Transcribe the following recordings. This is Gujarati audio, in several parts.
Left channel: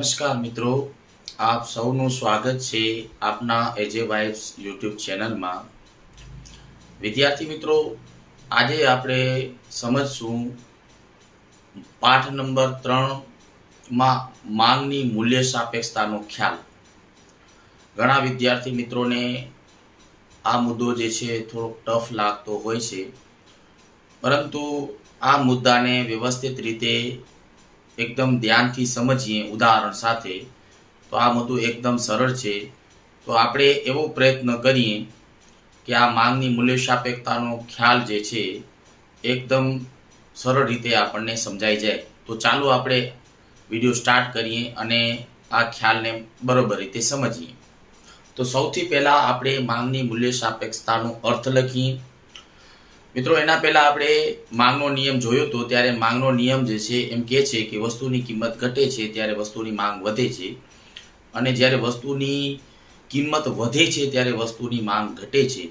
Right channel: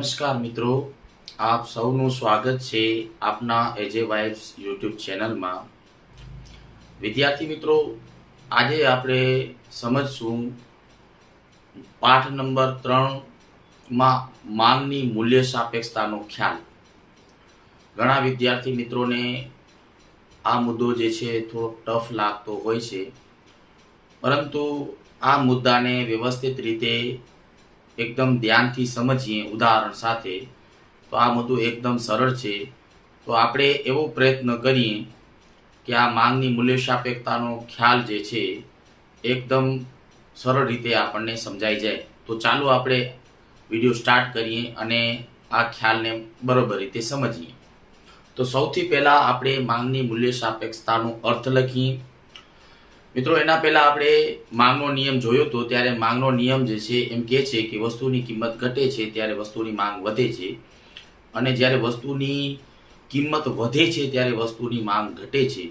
નમસ્કાર મિત્રો, આપ સૌનું સ્વાગત છે આપના એજે વાઇબ્સ યુટ્યુબ ચેનલમાં। વિદ્યાર્થી મિત્રો, આજે આપણે સમજશું પાઠ નંબર 3માં માંગની મૂલ્ય સાપેક્ષતાનો ખ્યાલ। ઘણા વિદ્યાર્થી મિત્રોને આ મુદ્દો જે છે થોડો ટફ લાગતો હોય છે, પરંતુ આ મુદ્દાને વ્યવસ્થિત રીતે એકદમ ધ્યાનથી સમજીએ ઉદાહરણ સાથે તો આ મુદ્દો એકદમ સરળ છે। તો આપણે એવો પ્રયત્ન કરીએ કે આ માંગની મૂલ્ય સાપેક્ષતાનો ખ્યાલ જે છે એકદમ સરળ રીતે આપણને સમજાઈ જાય। તો ચાલો આપણે વિડીયો સ્ટાર્ટ કરીએ અને આ ખ્યાલને બરોબર રીતે સમજીએ। તો સૌથી પહેલા આપણે માંગની મૂલ્ય સાપેક્ષતાનો અર્થ લખીએ। મિત્રો, એના પહેલા આપણે માંગનો નિયમ જોયો તો ત્યારે માંગનો નિયમ જે છે એમ કહે છે કે વસ્તુની કિંમત ઘટે છે ત્યારે વસ્તુની માંગ વધે છે, અને જ્યારે વસ્તુની કિંમત વધે છે ત્યારે વસ્તુની માંગ ઘટે છે।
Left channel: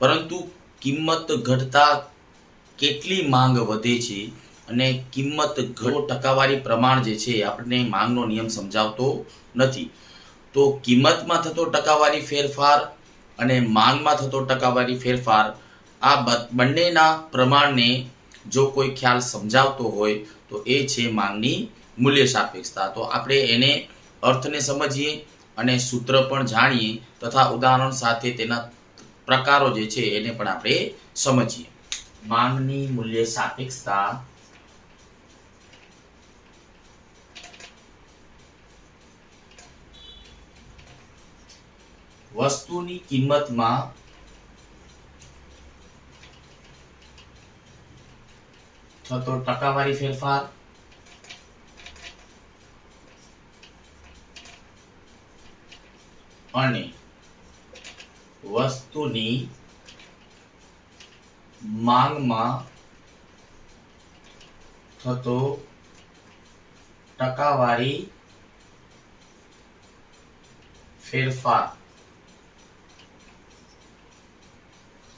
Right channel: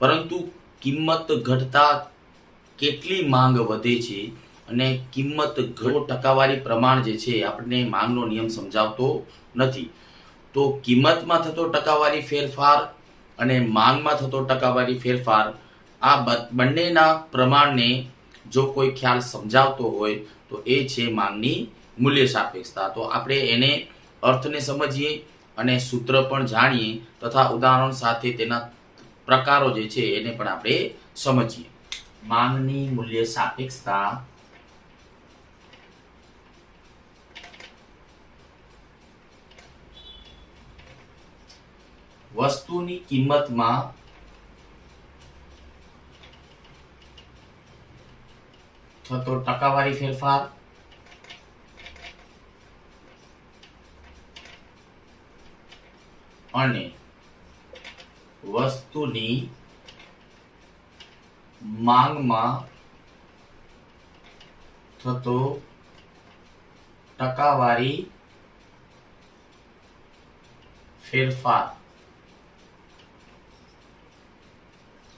પરંતુ કિંમત ઘટતા કેટલી માંગ વધે છે અને કિંમત ટકાવારી પ્રમાણ જે છે આપણને માંગનો નિયમ સમજાવતો નથી। તો કિંમતમાં થતો ટકાવારી ફેરફાર અને માંગમાં થતો ટકાવારી ફેરફાર, આ બંનેના પ્રમાણને જો કોઈ ખ્યાલ સમજાવતો હોય તો એ છે માંગની મૂલ્ય સાપેક્ષતા। તો આપણે એને અર્થને સમજીએ અને સૂત્ર પણ જાણીએ તથા ઉદાહરણ સાથે તેના પ્રકારો જે છે એને પણ આપણે સમજીએ। માંગની મૂલ્ય સાપેક્ષતા વસ્તુની કિંમતમાં થતો ટકાવારી ફેરફાર અને વસ્તુની માંગમાં થતો ટકાવારી ફેરફાર,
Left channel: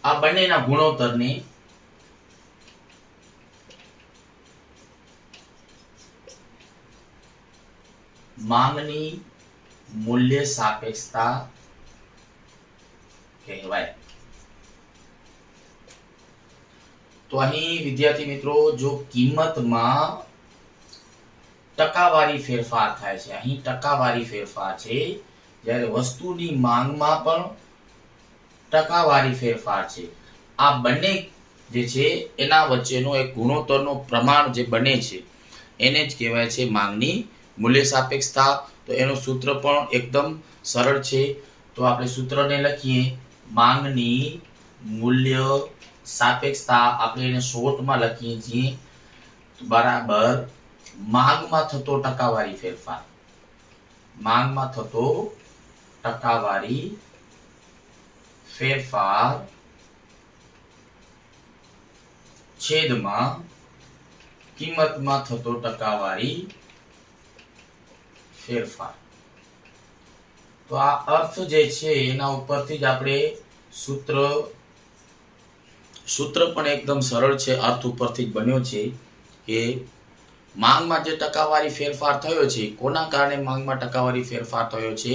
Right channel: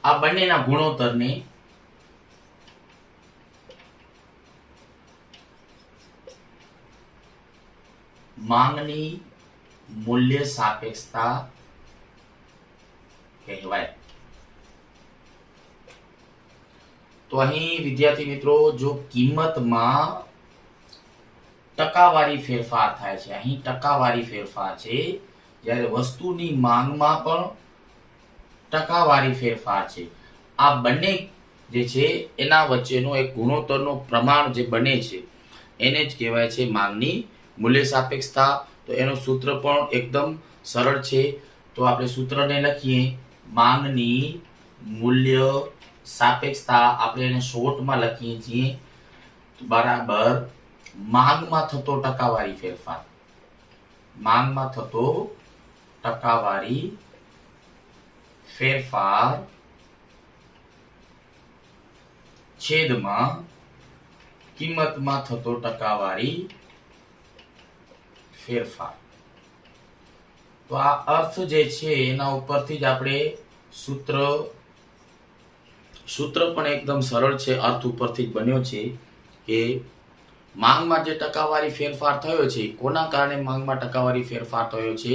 આ બંનેના ગુણોત્તરને માંગની મૂલ્ય સાપેક્ષતા કહેવાય। તો અહીં વિદ્યાર્થી મિત્રો, જો કિંમતમાં ટકાવારી ફેરફાર થાય છે, અહીં ટકાવારી ફેરફાર છે, જ્યારે વસ્તુની માંગમાં પણ ટકાવારી ફેરફાર છે, આ બંને જે છે એના વચ્ચેનો એક ગુણોત્તરનો પ્રમાણ જે બને છે એને જ કહેવાય છે માંગની મૂલ્ય સાપેક્ષતા। તો એનું સૂત્ર પણ એકદમ સરળ છે। તો આપણે સૂત્રને લખીએ, માંગની મૂલ્ય સાપેક્ષતા આપણે એને શોર્ટમાં લખીએ છીએ બરાબર માંગમાં થતો ટકાવારી ફેરફાર, માંગમાં થતો ટકાવારી ફેરફાર છેદમાં કિંમતમાં થતો ટકાવારી ફેરફાર। તો આ અર્થ જે છે એના ઉપરથી જ આપણે સૂત્ર પણ એકદમ સરળ છે, અર્થ ઉપરથી જ બન્યો છે કે માંગમાં જે ટકાવારી ફેરફાર થયો છે, કોના કારણે માંગમાં ટકાવારી ફેરફાર થયો છે?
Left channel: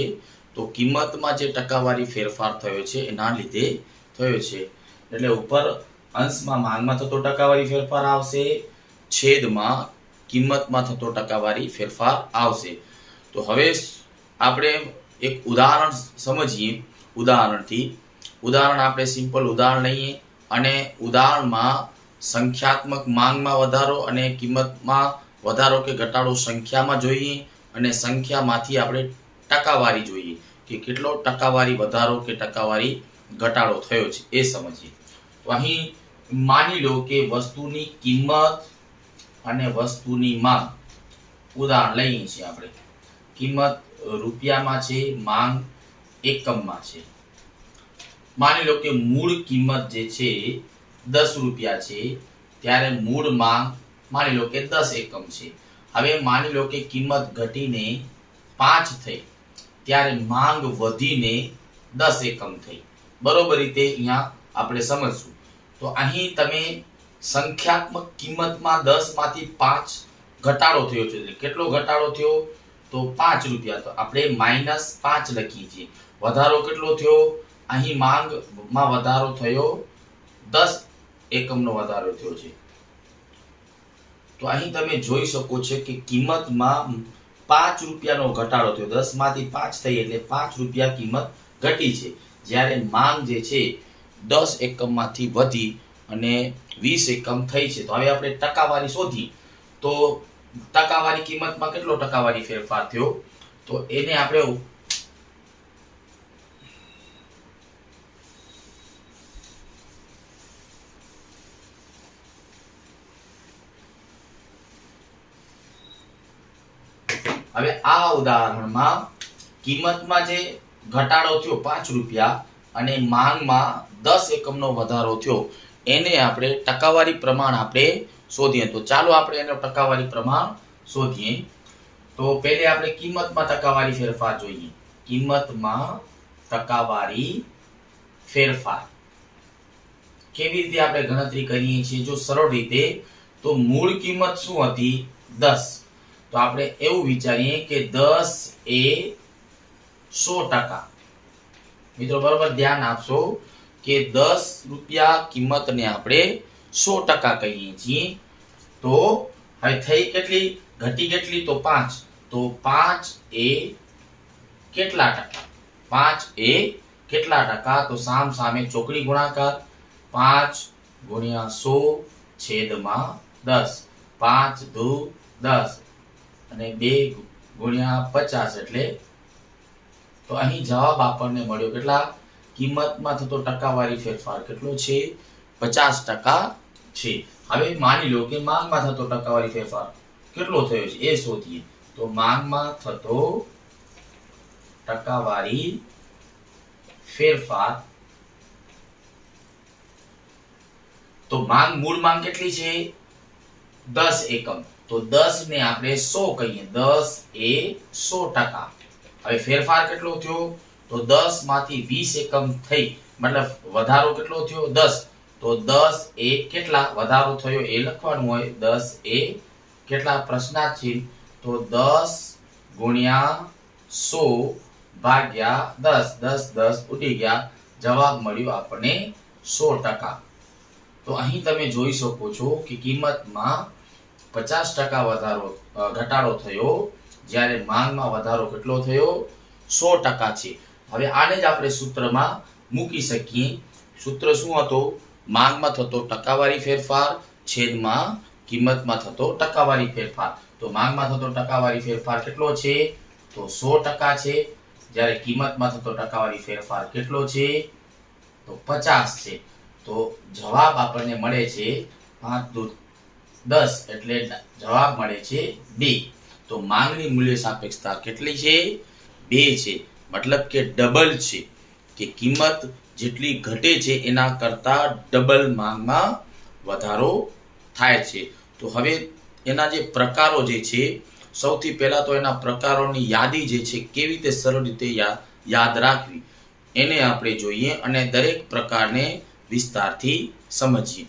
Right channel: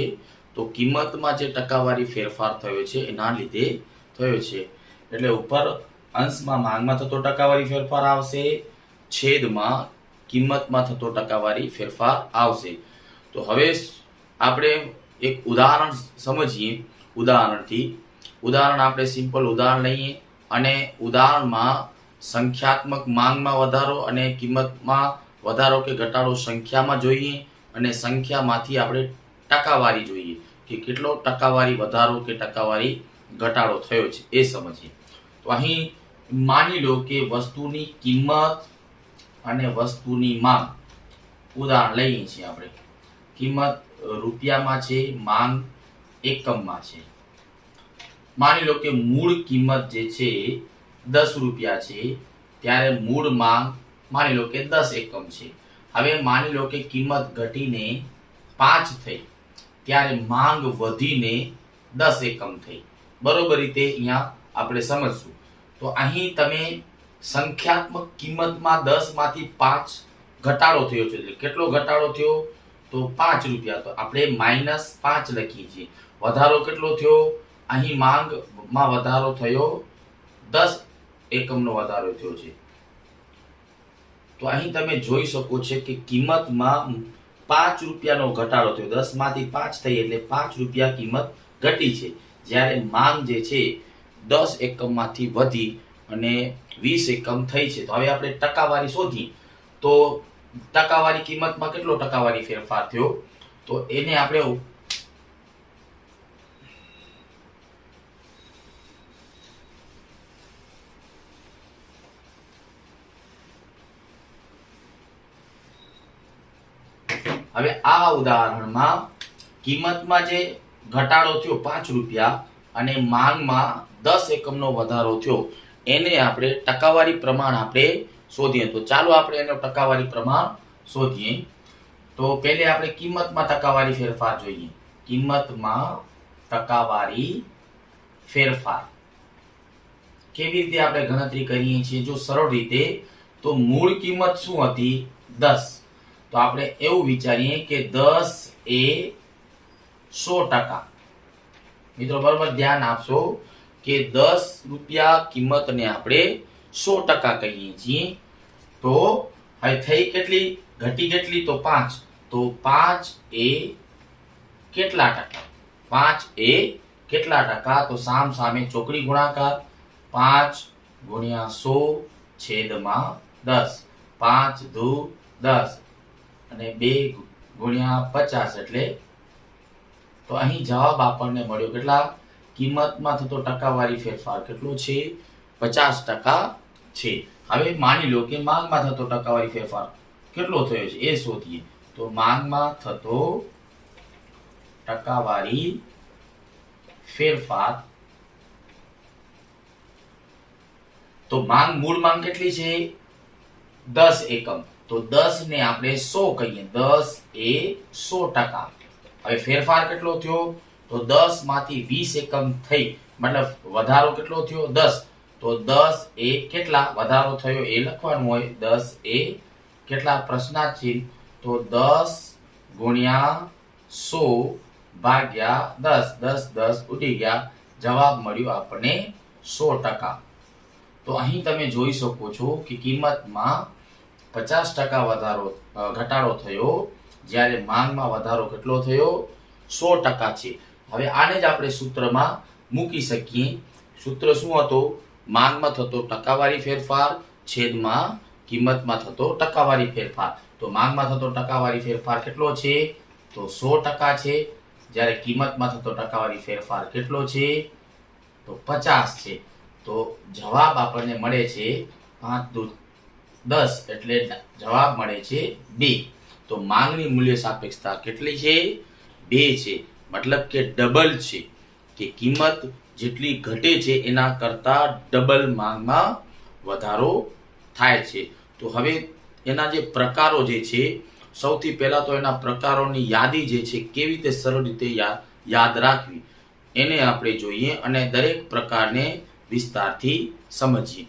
તો કિંમતમાં જે ટકાવારી ફેરફાર થયો છે એના લીધે થયો છે। એટલે ઉપર અંશમાં માંગમાં થતો ટકાવારી ફેરફાર આવશે, છેદમાં કિંમતમાં થતો ટકાવારી ફેરફાર આવશે। તો હવે આપણે એક ઉદાહરણ સમજીએ। ઉદાહરણ આપણે સિમ્પલ ઉદાહરણ લઈએ અને ઉદાહરણમાં સંખ્યાત્મક માંગમાં વધારો અને કિંમતમાં વધારો કે ઘટાડો સંખ્યામાં જોઈએ અને સંખ્યામાંથી આપણે ટકાવારી જોઈએ કે કેટલો ટકાવારી વધારો કે ટકાવારી ઘટાડો થયો છે એ સમજીએ। તો અહીં માની લો કે વસ્તુની કિંમત અને વસ્તુની માંગ, ઉદાહરણ લઈએ છીએ આપણે, કિંમત રૂપિયામાં છે, માંગ એકમમાં છે। માની લો કે મૂળ કિંમત જે છે 10 રૂપિયા છે, ત્યારે મૂળ માંગ માની લો કે 10 એકમ છે। હવે માની લો કે કિંમત ઘટીને 5 થઈ, ત્યારે માંગ વધીને 10 એકમ થઈ। બરોબર રીતે અહીંયા આપણે સમજશું। તો અહીં તમે સંખ્યાત્મક કિંમતમાં 10 માંથી 5 ઘટાડો થયો છે। કેટલો ઘટાડો થયો? તો 5 રૂપિયા, તો આપણે -5 લખીએ છીએ. વધારો કેટલો થયો? અહીં માંગમાં વધારો થયો 10 એકમનો વધારો થયો છે. તો અહીં તમે જોઈ શકો છો કે કિંમતમાં 5 રૂપિયાનો ઘટાડો થયો. 10 માંથી 5 થઈ એટલે 5 રૂપિયા કિંમત ઘટી છે. જ્યારે માંગ જે છે 10 એકમમાંથી વધી અને 20 એકમ થઈ છે. તો હવે આપણે ટકાવારી શોધી, તો ટકાવારી કિંમતમાં કેટલો ટકાવારી ફેરફાર થયો? તો એને આપણે હવે આ ઉદાહરણમાં કિંમતમાં જે ઘટાડો થયો 5 રૂપિયા અને માંગમાં 10 એકમનો વધારો થયો, એને આપણે ટકાવારી પ્રમાણ આપણે શોધીએ. તો ચાલો આપણે એનો ટકાવારી પ્રમાણ શોધીએ. તો પહેલે આપણે કિંમતમાં ટકાવારી ફેરફાર જોઈએ. કિંમતમાં ટકાવારી ફેરફાર કેવી રીતે આપણે ગણતરી કરીએ છીએ? જો સરળ રીતે, તો મૂળ કિંમત શું હતી? 10. તો આપણે એવું વિચારીએ કે 10 એ 100%. મિત્રો બરોબર ધ્યાન આપશો કે 10 રૂપિયા કિંમતને આપણે 100% કહીએ છીએ. તો હવે થઈ કેટલી? ઘટી કેટલી? તો 5. તો 5 એ કેટલા ટકા? 5 એ કેટલા ટકા? તો સામ સામે ચોકડી ગુણાકાર. 5 ગુણ્યા 100 છેદમાં 10. 5 દુ 10 અને 2 ગુણ્યા 50 એટલે, તો અહીં જવાબ આપણને મળ્યો કેટલા? કિંમતમાં થતો ટકાવારી ફેરફાર કેટલો છે? 50% છે. હવે માની લો કે માંગમાં થતો ટકાવારી ફેરફાર કેટલો થયો છે એ શોધીએ. તો માંગમાં થતો ટકાવારી ફેરફાર, તો મૂળ માંગ કેટલી છે? 10 એકમ. તો 10 ને આપણે 100 કહીએ. 10 એ 100%. હવે ફેરફાર કેટલો થયો? તો 10 માંથી 20 એકમ થઈ, મતલબ વધારો કેટલો થયો? 10. તો 10 એ કેટલા વધારો થયો એ લખવાનું હોય. 10 એ કેટલા? પ્રશ્નાર્થ ચિહ્ન. તો 10 ગુણ્યા 100 ભાગ્યા 10. 10 ઉડી ગયા. જવાબ મળ્યો આપણને 100%. તો અહીં તમે જોઈ શકો છો કે કિંમતમાં 50% ઘટાડો થયો, જ્યારે માંગમાં વધારો કેટલો થયો? 100% છે. હવે આને જ આપણે સૂત્રમાં મૂકી શકીએ. સૂત્ર શું હતું? માંગમાં થતો ટકાવારી ફેરફાર છેદમાં કિંમતમાં થતો ટકાવારી ફેરફાર. તો માંગમાં થતો ટકાવારી ફેરફાર કેટલો છે? તો 100% છે. જ્યારે કિંમતમાં થતો ટકાવારી ફેરફાર કેટલો છે? તો 50 છે. તો જવાબ આપણને મળે છે 5 દુ 10 એટલે જવાબ મળે છે 2. તો માંગની મૂલ્ય સાપેક્ષતા કેટલી છે? 2 છે. મતલબ કે ડબલ છે, કે કિંમત જેટલી ઘટે છે એના કરતા ડબલ માંગમાં વધારો થાય છે. તો હવે એના જે પ્રકારો જે છે, સૌથી પહેલા તો એના પ્રકારોની યાદી જે છે કેવી રીતે સરળ રીતે યાદ રાખવી એને આપણે જોઈએ અને દરેક પ્રકારને વિસ્તારથી સમજીએ.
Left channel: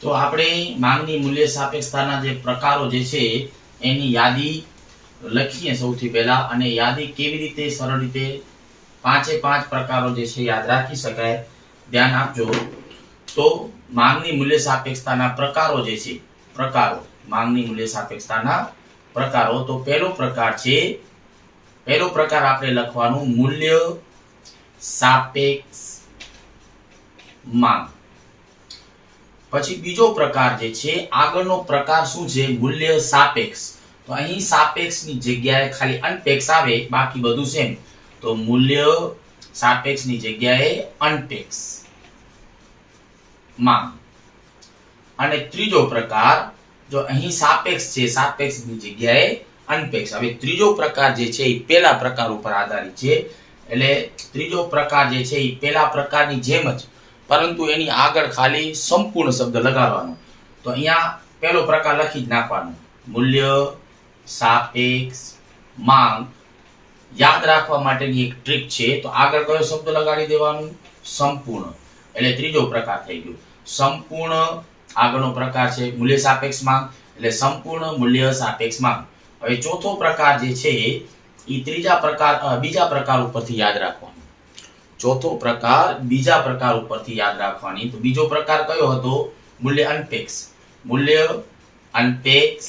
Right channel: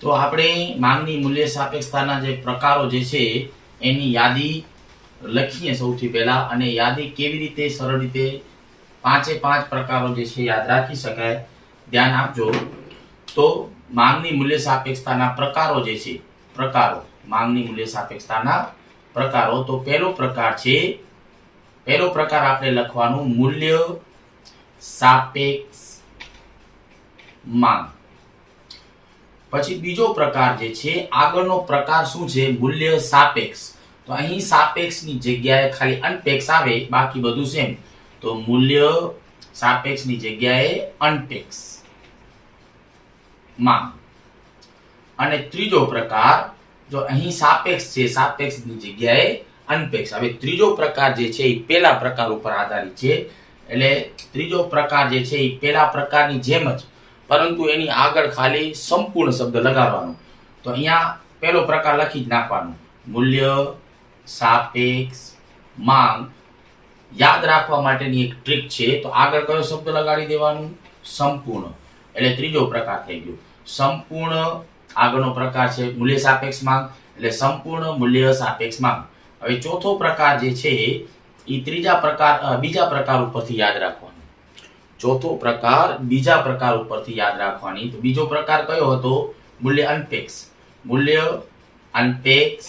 તો આપણે માંગની મૂલ્ય સાપેક્ષતાના જે પ્રકારો જે છે એની યાદી લખીએ સૌથી પહેલા, અને યાદી કેવી રીતે સરળ રીતે 5 પ્રકારો જે છે યાદ રાખી શકાય. ધ્યાન આપજો. તો માંગની મૂલ્ય સાપેક્ષતાના પ્રકારો જે છે, માંગની મૂલ્ય સાપેક્ષતાના પ્રકારો. તો પહેલો પ્રકાર આપણે લખવાનું મૂલ્ય સાપેક્ષ માંગ. પછી બીજો પ્રકાર જે છે, આગળનો પ્રકાર શું છે? મૂલ્ય સાપેક્ષ. તો અહીં સાપેક્ષની જગ્યાએ ખાલી અનપેક્ષ આવે, બાકી બધું સેમ. તો મૂલ્ય સાપેક્ષની જગ્યાએ અનપેક્ષ માંગ. અને ત્રીજો પ્રકાર, જો અહીં સાપેક્ષ છે, સાપેક્ષની જગ્યાએ અનપેક્ષ. હવે ત્રીજો પ્રકાર જે છે એ પહેલા પ્રકાર ઉપર આધારિત છે. એટલે ત્રીજો પ્રકાર જે છે એ પહેલા પ્રકારની જેમ જ, પરંતુ એની આગળ ખાલી સંપૂર્ણ શબ્દ લગાડવાનો. તો અહીંયા પહેલો પ્રકાર લખી જ નાખવાનો, મૂલ્ય સાપેક્ષ માંગ. યાદ રાખવા માટેની એક ટ્રીક છે. તો આગળ કયો શબ્દ લગાડી દેવાનું? સંપૂર્ણ. એટલે ત્રીજો પ્રકાર થઈ ગયો સંપૂર્ણ. આગળનો પ્રકાર છે મૂલ્ય સાપેક્ષ માંગ. એટલે સંપૂર્ણ મૂલ્ય સાપેક્ષ માંગ. હવે ચોથો પ્રકાર જે છે એ બીજા પ્રકાર ઉપરથી યાદ રાખવાનો. ચોથો પ્રકાર બીજા પ્રકાર ઉપરથી યાદ રાખવાની. તો બીજો પ્રકાર કયો હતો? મૂલ્ય અનપેક્ષ. મૂલ્ય અનપેક્ષ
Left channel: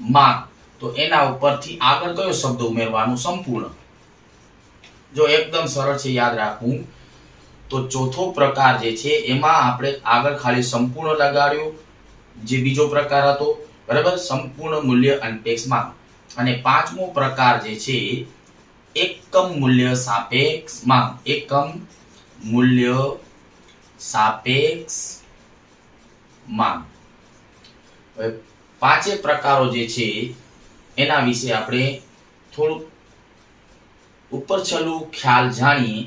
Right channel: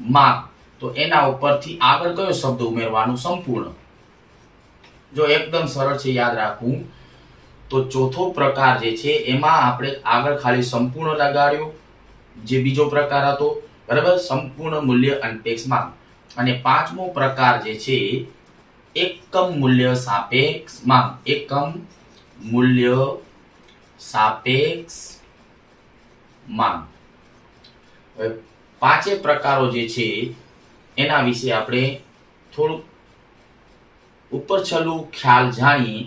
માંગ. તો એના ઉપરથી આગળ કયો શબ્દ ઉમેરવાનો? સંપૂર્ણ. જો એકદમ સરળ છે યાદ રાખવું. તો ચોથો પ્રકાર જે છે એમાં આપણે આગળ ખાલી સંપૂર્ણ લગાડ્યું, જે બીજો પ્રકાર હતો, બરાબર, સંપૂર્ણ મૂલ્ય અનપેક્ષ માંગ. અને પાંચમો પ્રકાર જે છે એકમ મૂલ્ય સાપેક્ષ માંગ. એકમ મૂલ્ય સાપેક્ષ માંગ. હવે પાંચે પ્રકારો જે છે એના વિશે આપણે થોડું ઉપર છલું ખ્યાલ જાણીએ.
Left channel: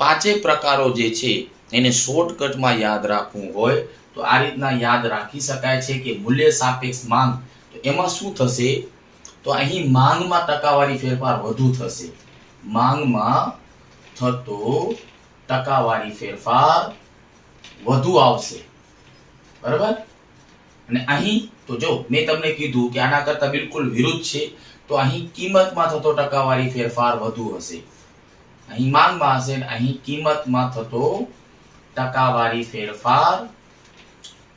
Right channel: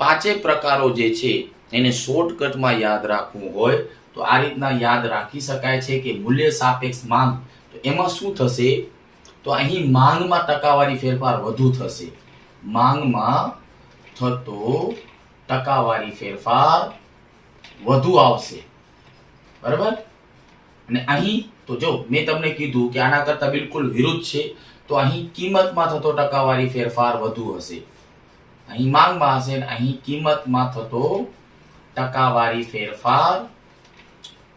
પાંચે પ્રકારો જે છે એને શોર્ટકટમાં યાદ રાખવું હોય તો આ રીતના યાદ રાખી શકાય છે કે મૂલ્ય સાપેક્ષ માંગ. તો એમાં શું થશે? તો અહીં માંગમાં ટકાવારી ફેરફાર વધુ થશે. માંગમાં થતો ટકાવારી ફેરફાર વધુ આવશે, બરાબર. અને અહીં તો જો મેં તમને કીધું કે આના કરતા બિલકુલ વિરુદ્ધ છે. તો અહીં કિંમતમાં થતો ટકાવારી ફેરફાર વધુ હશે. અહીં માંગમાં હશે અને અહીં કિંમતમાં થતો ટકાવારી ફેરફાર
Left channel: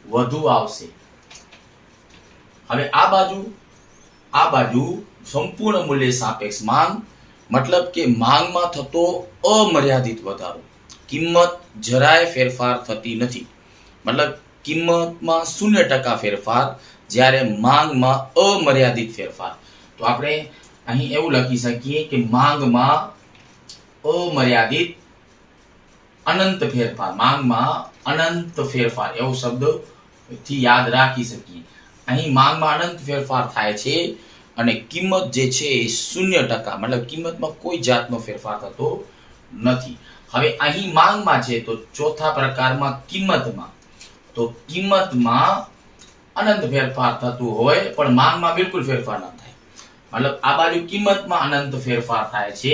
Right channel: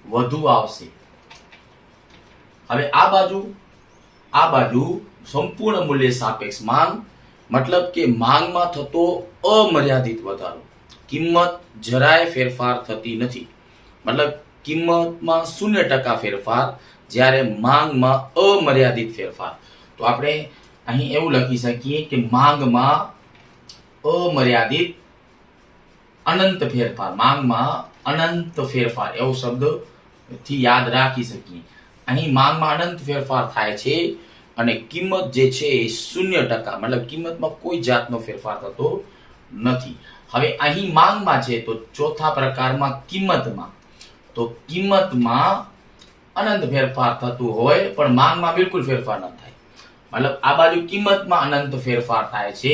વધુ આવશે. હવે આ બાજુ સંપૂર્ણ મૂલ્ય સાપેક્ષ માંગ, મતલબ કે માંગમાં થતો અમર્યાદિત વધારો. કિંમત જરાય ફેરફાર થતી નથી, મતલબ કિંમતમાં 0% ફેરફાર, જ્યારે માંગમાં અમર્યાદિત ફેરફાર. તો આપણે અહીં એવું લખી શકીએ કે માંગમાં અમર્યાદિત અનંત ફેરફાર. માંગમાં અનંત ફેરફાર એવો શબ્દ થી યાદ રાખી શકીએ. અહીં માંગમાં અનંત ફેરફાર થાય છે અને કિંમત જે છે એ 0%, મતલબ કિંમતમાં કોઈ જાતનો ફેરફાર થતો નથી. હવે અહીં માંગમાં છે તો ચોથા પ્રકારમાં કિંમતમાં, તો કિંમતમાં અનંત ફેરફાર થતું હોય પણ માંગમાં બિલકુલ ફેરફાર ન થાય. મતલબ આ બાજુ કિંમતમાં અનંત ફેરફાર થાય છે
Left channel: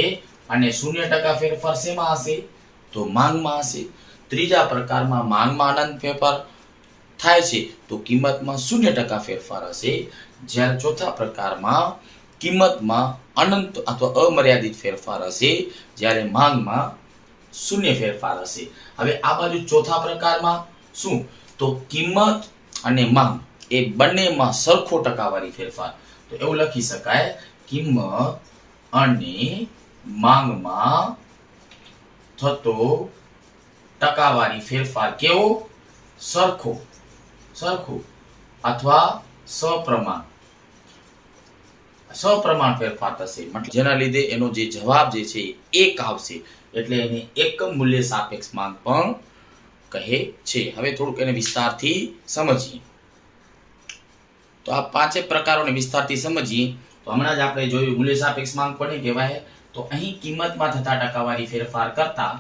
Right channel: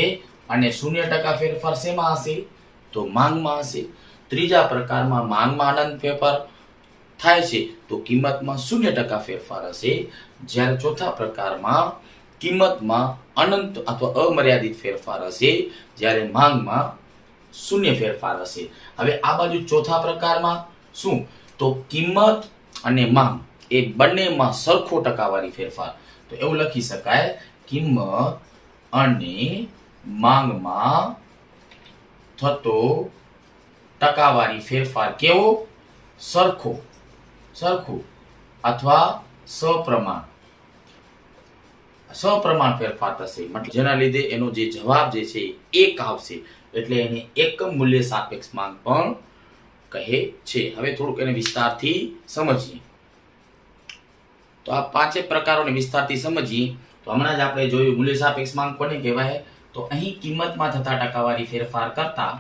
અને 0% ફેરફાર શેમાં હશે? તો માંગમાં હશે. ત્રીજા પ્રકારમાં માંગમાં અનંત ફેરફાર થાય છે તો કિંમતમાં 0% ફેરફાર હશે, જ્યારે ચોથા પ્રકારમાં કિંમતમાં અનંત અથવા અમર્યાદિત ફેરફાર હશે, જ્યારે માંગમાં 0 ફેરફાર હશે. હવે આ બાજુ ચોથા પ્રકારમાં શું? તો કિંમત અને માંગ એ બંનેમાં સરખો ટકાવારી ફેરફાર. તો એવું લખી શકાય, કિંમત અને માંગમાં થતો ટકાવારી ફેરફાર કેવો? સરખો અથવા સપ્રમાણ ફેરફાર થશે. મતલબ જેના લીધે એનો જે જવાબ જે છે એક આવશે. એટલે એને એકમ મૂલ્ય સાપેક્ષ માંગ પણ કહે છે. હવે થોડુંક એને વિસ્તારથી સમજીએ. તો આ પાંચે પ્રકારોને વિસ્તારથી સમજીએ તો હમણાં જ આપણે જોયું મૂલ્ય સાપેક્ષ માંગ કોને કહેવાય? તો અહીં કિંમતમાં થતા ટકાવારી ફેરફાર કરતા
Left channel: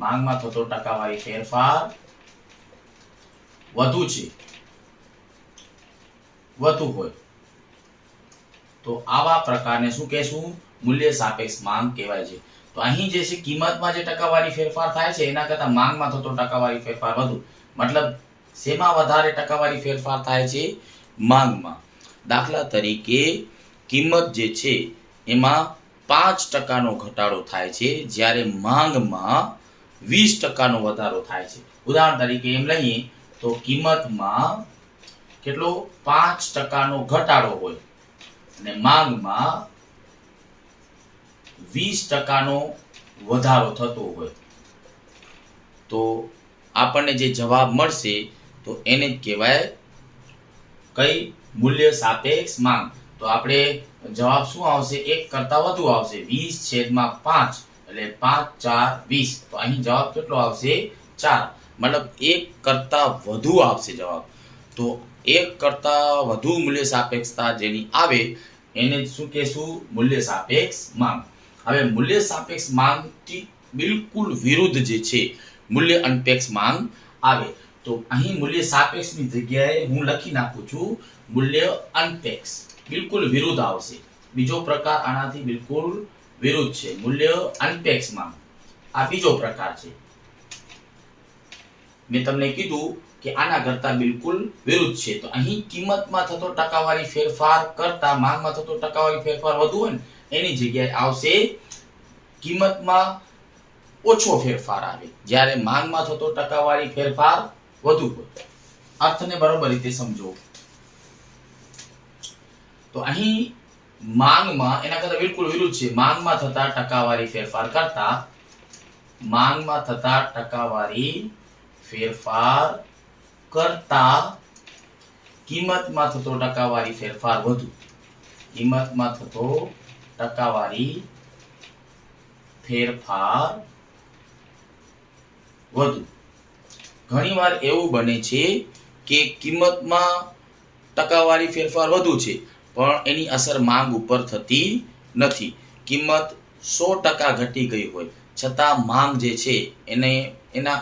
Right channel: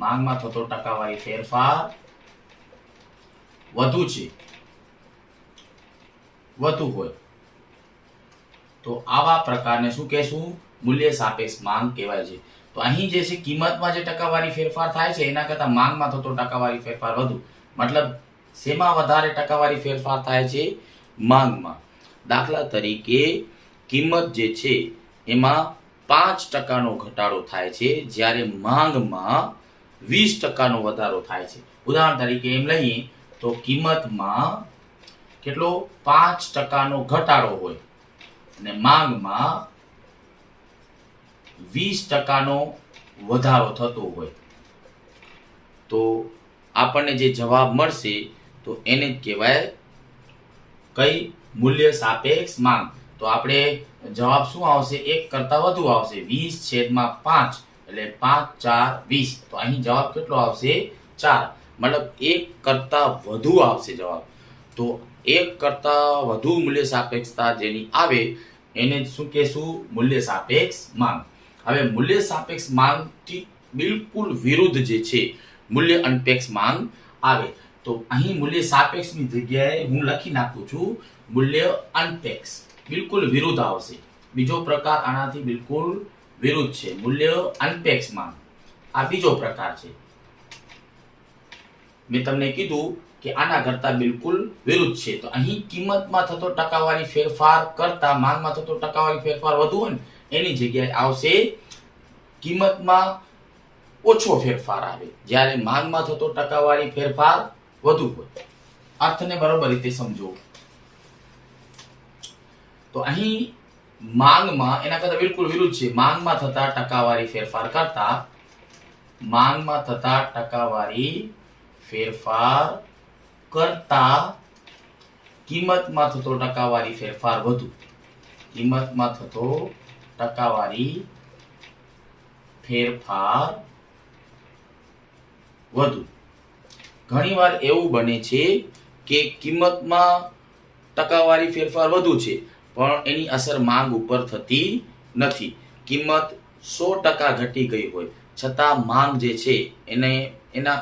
માંગમાં થતો ટકાવારી ફેરફાર વધુ હોય તો આવા પ્રકારને શું કહેશું? મૂલ્ય સાપેક્ષ માંગ કહેવાય છે. તો અહીં જે છે કિંમતમાં જે ટકાવારી ફેરફાર થાય છે એના કરતા માંગમાં થતો ટકાવારી ફેરફાર વધુ. મતલબ શેમાં વધારે ટકાવારી ફેરફાર થાય છે? માંગમાં. દાખલા તરીકે કિંમત જે છે એમાં 5% ઘટાડો થાય છે, જ્યારે માંગમાં 20% વધારો થાય છે. ઉદાહરણ તરીકે એમ લઈએ તો કિંમતમાં કેટલો? 5% ઘટાડો હોય અને માંગમાં 20% વધારો થતો હોય તો આપણને જે જવાબ મળશે તો એને જ કહેવાય કઈ? મૂલ્ય સાપેક્ષ માંગ. તો આપણે જવાબ શું આવશે? 1 કરતા વધુ આવશે. 20/5 એટલે 5 4 20. તો અહીં જવાબ કેટલો આવશે? 4. મતલબ 1 કરતા વધુ આવશે જવાબ. તો 1 કરતા વધુ મૂલ્ય સાપેક્ષતા જેની આવે એને શું કહેશું? મૂલ્ય સાપેક્ષ માંગ. હવે મૂલ્ય સાપેક્ષ માંગથી બિલકુલ વિરુદ્ધ જે છે મૂલ્ય અનપેક્ષ માંગ આવે. તો અહીં મૂલ્ય સાપેક્ષની જગ્યાએ હું લખી નાખું છું મૂલ્ય અનપેક્ષ, બિલકુલ વિરુદ્ધ આવશે. બીજો પ્રકાર આનાથી બિલકુલ વિરુદ્ધ છે, મૂલ્ય અનપેક્ષ માંગ. આ બીજો પ્રકાર છે. મેં તમને કીધું કે આના કરતા બિલકુલ વિરુદ્ધ છે. તો અહીં કિંમતમાં થતો ટકાવારી ફેરફાર કરતા માંગમાં થતો ટકાવારી ફેરફાર વધુ હોય ને એની જગ્યાએ આવશે કિંમતમાં ઓછો ફેરફાર આવે, જ્યારે માંગમાં થતો ટકાવારી ફેરફાર વધુ હોય. અર્થને બરોબર રીતે સમજો. તો અહીં માંગમાં એના કરતા બિલકુલ વિરુદ્ધ છે. માંગમાં થતા ટકાવારી ફેરફાર કરતા કિંમતમાં થતો ટકાવારી ફેરફાર વધુ. કિંમતમાં થતો ટકાવારી ફેરફાર વધુ. ઘણીવાર એવું બને છે કે કિંમતમાં ટકાવારી ફેરફાર વધુ છે પણ એની અસર માંગ ઉપર થતી નથી. કિંમત 100% ઘટી ગઈ હોય છતાં માંગ જે છે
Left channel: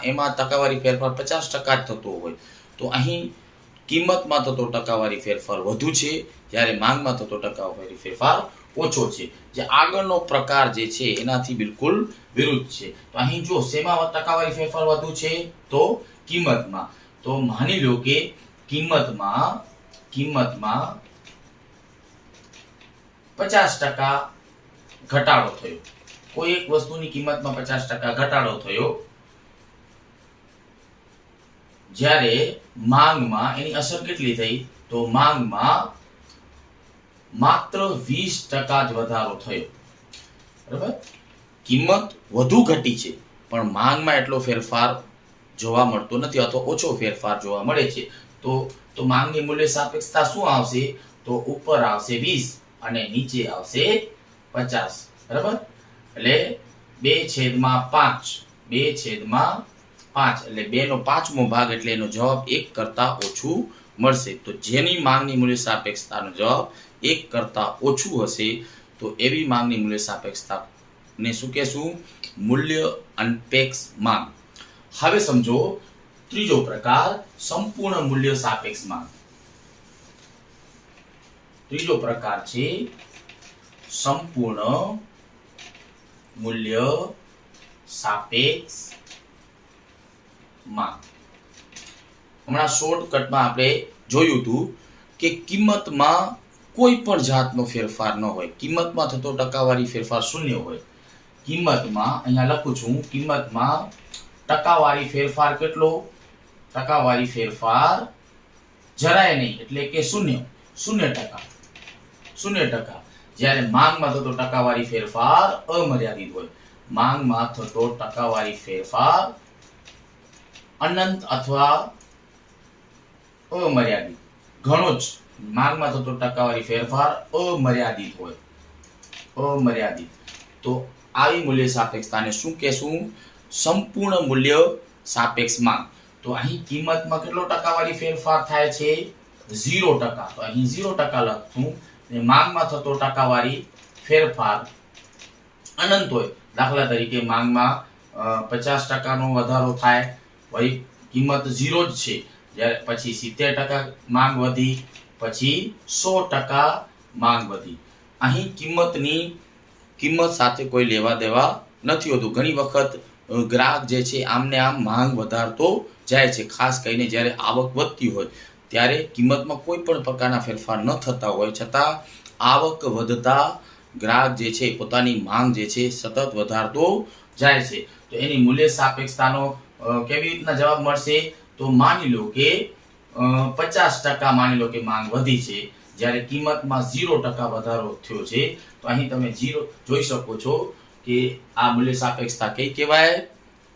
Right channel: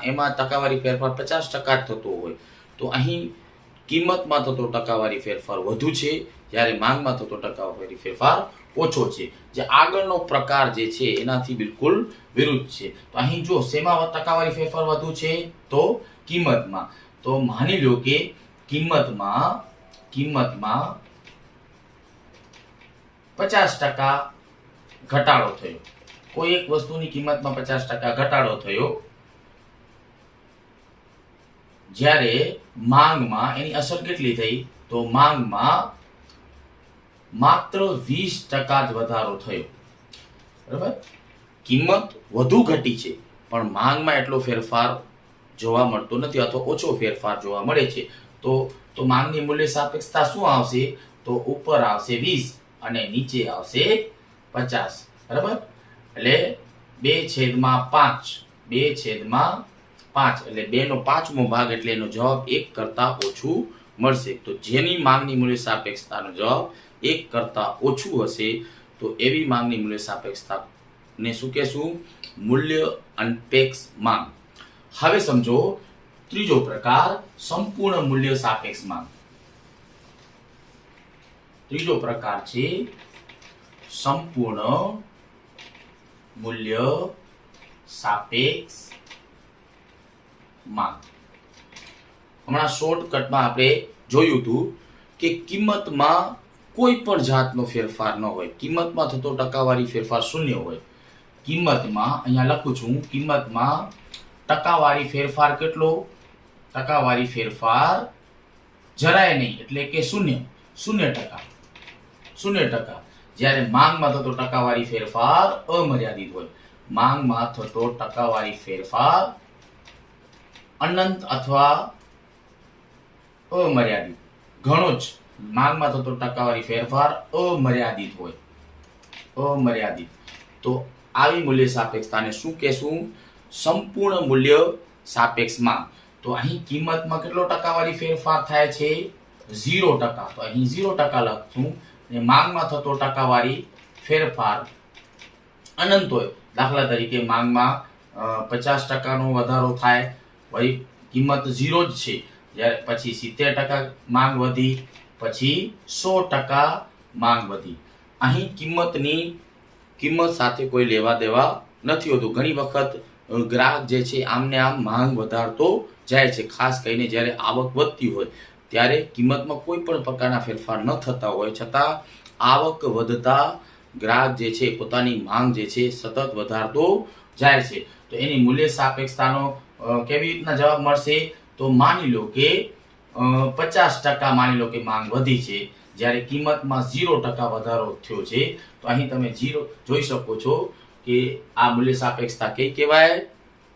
એમાં ટકાવારી ફેરફાર 50% જ થતો હોય. તો અહીં કિંમતમાં થતો ટકાવારી ફેરફાર વધુ છે જ્યારે માંગમાં થતો ટકાવારી ફેરફાર ઓછો છે. જે આગળનો પ્રકાર જે છે એનાથી બિલકુલ વિરુદ્ધ છે. તો અહીં જો શેમાં ટકાવારી ફેરફાર વધુ છે તો કિંમતમાં. તો માની લો કે કિંમતમાં 50% ઘટાડો થયો. કોઈ એક વસ્તુની કિંમતમાં 50% ઘટાડો થયો, જ્યારે માંગમાં એની અસર કેટલી થઈ તો માંગમાં માત્ર 20% જ વધારો થયો. બરાબર, કિંમત વધુ ઘટી છે પણ માંગમાં એટલો ફેરફાર જોવા મળતો નથી અથવા ઓછો ફેરફાર જોવા મળે છે. તો માંગની મૂલ્ય સાપેક્ષતા શું આવશે તો ઉપર આવશે 20 અને નીચે આવશે 50. બરાબર, એટલે 2/5 એટલે 2/5 ભાગ એટલે એનો જવાબ 1 કરતા ઓછું મળશે. તો જેની માંગની મૂલ્ય સાપેક્ષતાનો જવાબ 1 કરતા ઓછું હશે તો એવી માંગની મૂલ્ય સાપેક્ષતાને શું કહેશું? મૂલ્ય અનપેક્ષ માંગ. હવે સમજો ત્રીજો પ્રકાર, સંપૂર્ણ મૂલ્ય સાપેક્ષ માંગ. ત્રીજો પ્રકાર છે સંપૂર્ણ મૂલ્ય સાપેક્ષ માંગ. હમણાં શોર્ટકટમાં આપણે જોયું હતું કે કિંમતમાં કોઈ પણ જાતનો ફેરફાર ન હોય, કિંમતમાં થતો ટકાવારી ફેરફાર શૂન્ય હોય. કિંમતમાં અહીંયા લખું છું, કિંમતમાં ટકાવારી ફેરફાર કેટલો? ટકાવારી ફેરફાર જરાય નહીં એટલે કે 0%. જ્યારે માંગમાં થતો ટકાવારી ફેરફાર અમર્યાદિત હોય. માંગમાં થતો ટકાવારી ફેરફાર અનંત અથવા અમર્યાદિત, ઘણો જ. માંગમાં થતો ટકાવારી ફેરફાર અમર્યાદિત હોય, અમર્યાદિત. તો આવી મૂલ્ય સાપેક્ષતાને શું કહેશું? સંપૂર્ણ મૂલ્ય સાપેક્ષ માંગ. તો અહીં કિંમતમાં કેટલો ટકાવારી ફેરફાર થાય છે? 0%. તો અહીં 0% લખશું. ને માંગમાં થતો ટકાવારી ફેરફાર અનંત હોય. દાખલા તરીકે માંગમાં 50%નો વધારો થાય, વળી કિંમત 0 જ છે, જ્યારે પછી 70% માંગ વધી, પછી 100% માંગ વધી. અહીં કિંમત સાથે કોઈ લેવા દેવા નથી હોતું. ઘણી વખત ગ્રાહક જે છે આમને આમ માંગ વધારતો જાય છે. ખાસ કરીને જ્યારે આવક વધતી હોય ત્યારે કિંમતમાં કોઈ પણ પ્રકારના ફેરફાર ન થતા હોય છતાં આવક વધતા ગ્રાહક જે છે પોતાની માંગ જે છે સતત વધારતો જાય છે. તો એની મૂલ્ય સાપેક્ષતાનો કેવી રીતના જવાબ મળશે? તો માની લો કે 50% માની લો કે માંગ વધી છે, જ્યારે કિંમતમાં 0% વધારો થયો છે. તો અહીં તમે 0 જોઈ શકો છો કે આ મૂલ્ય સાપેક્ષતા કઈ કહેવાય?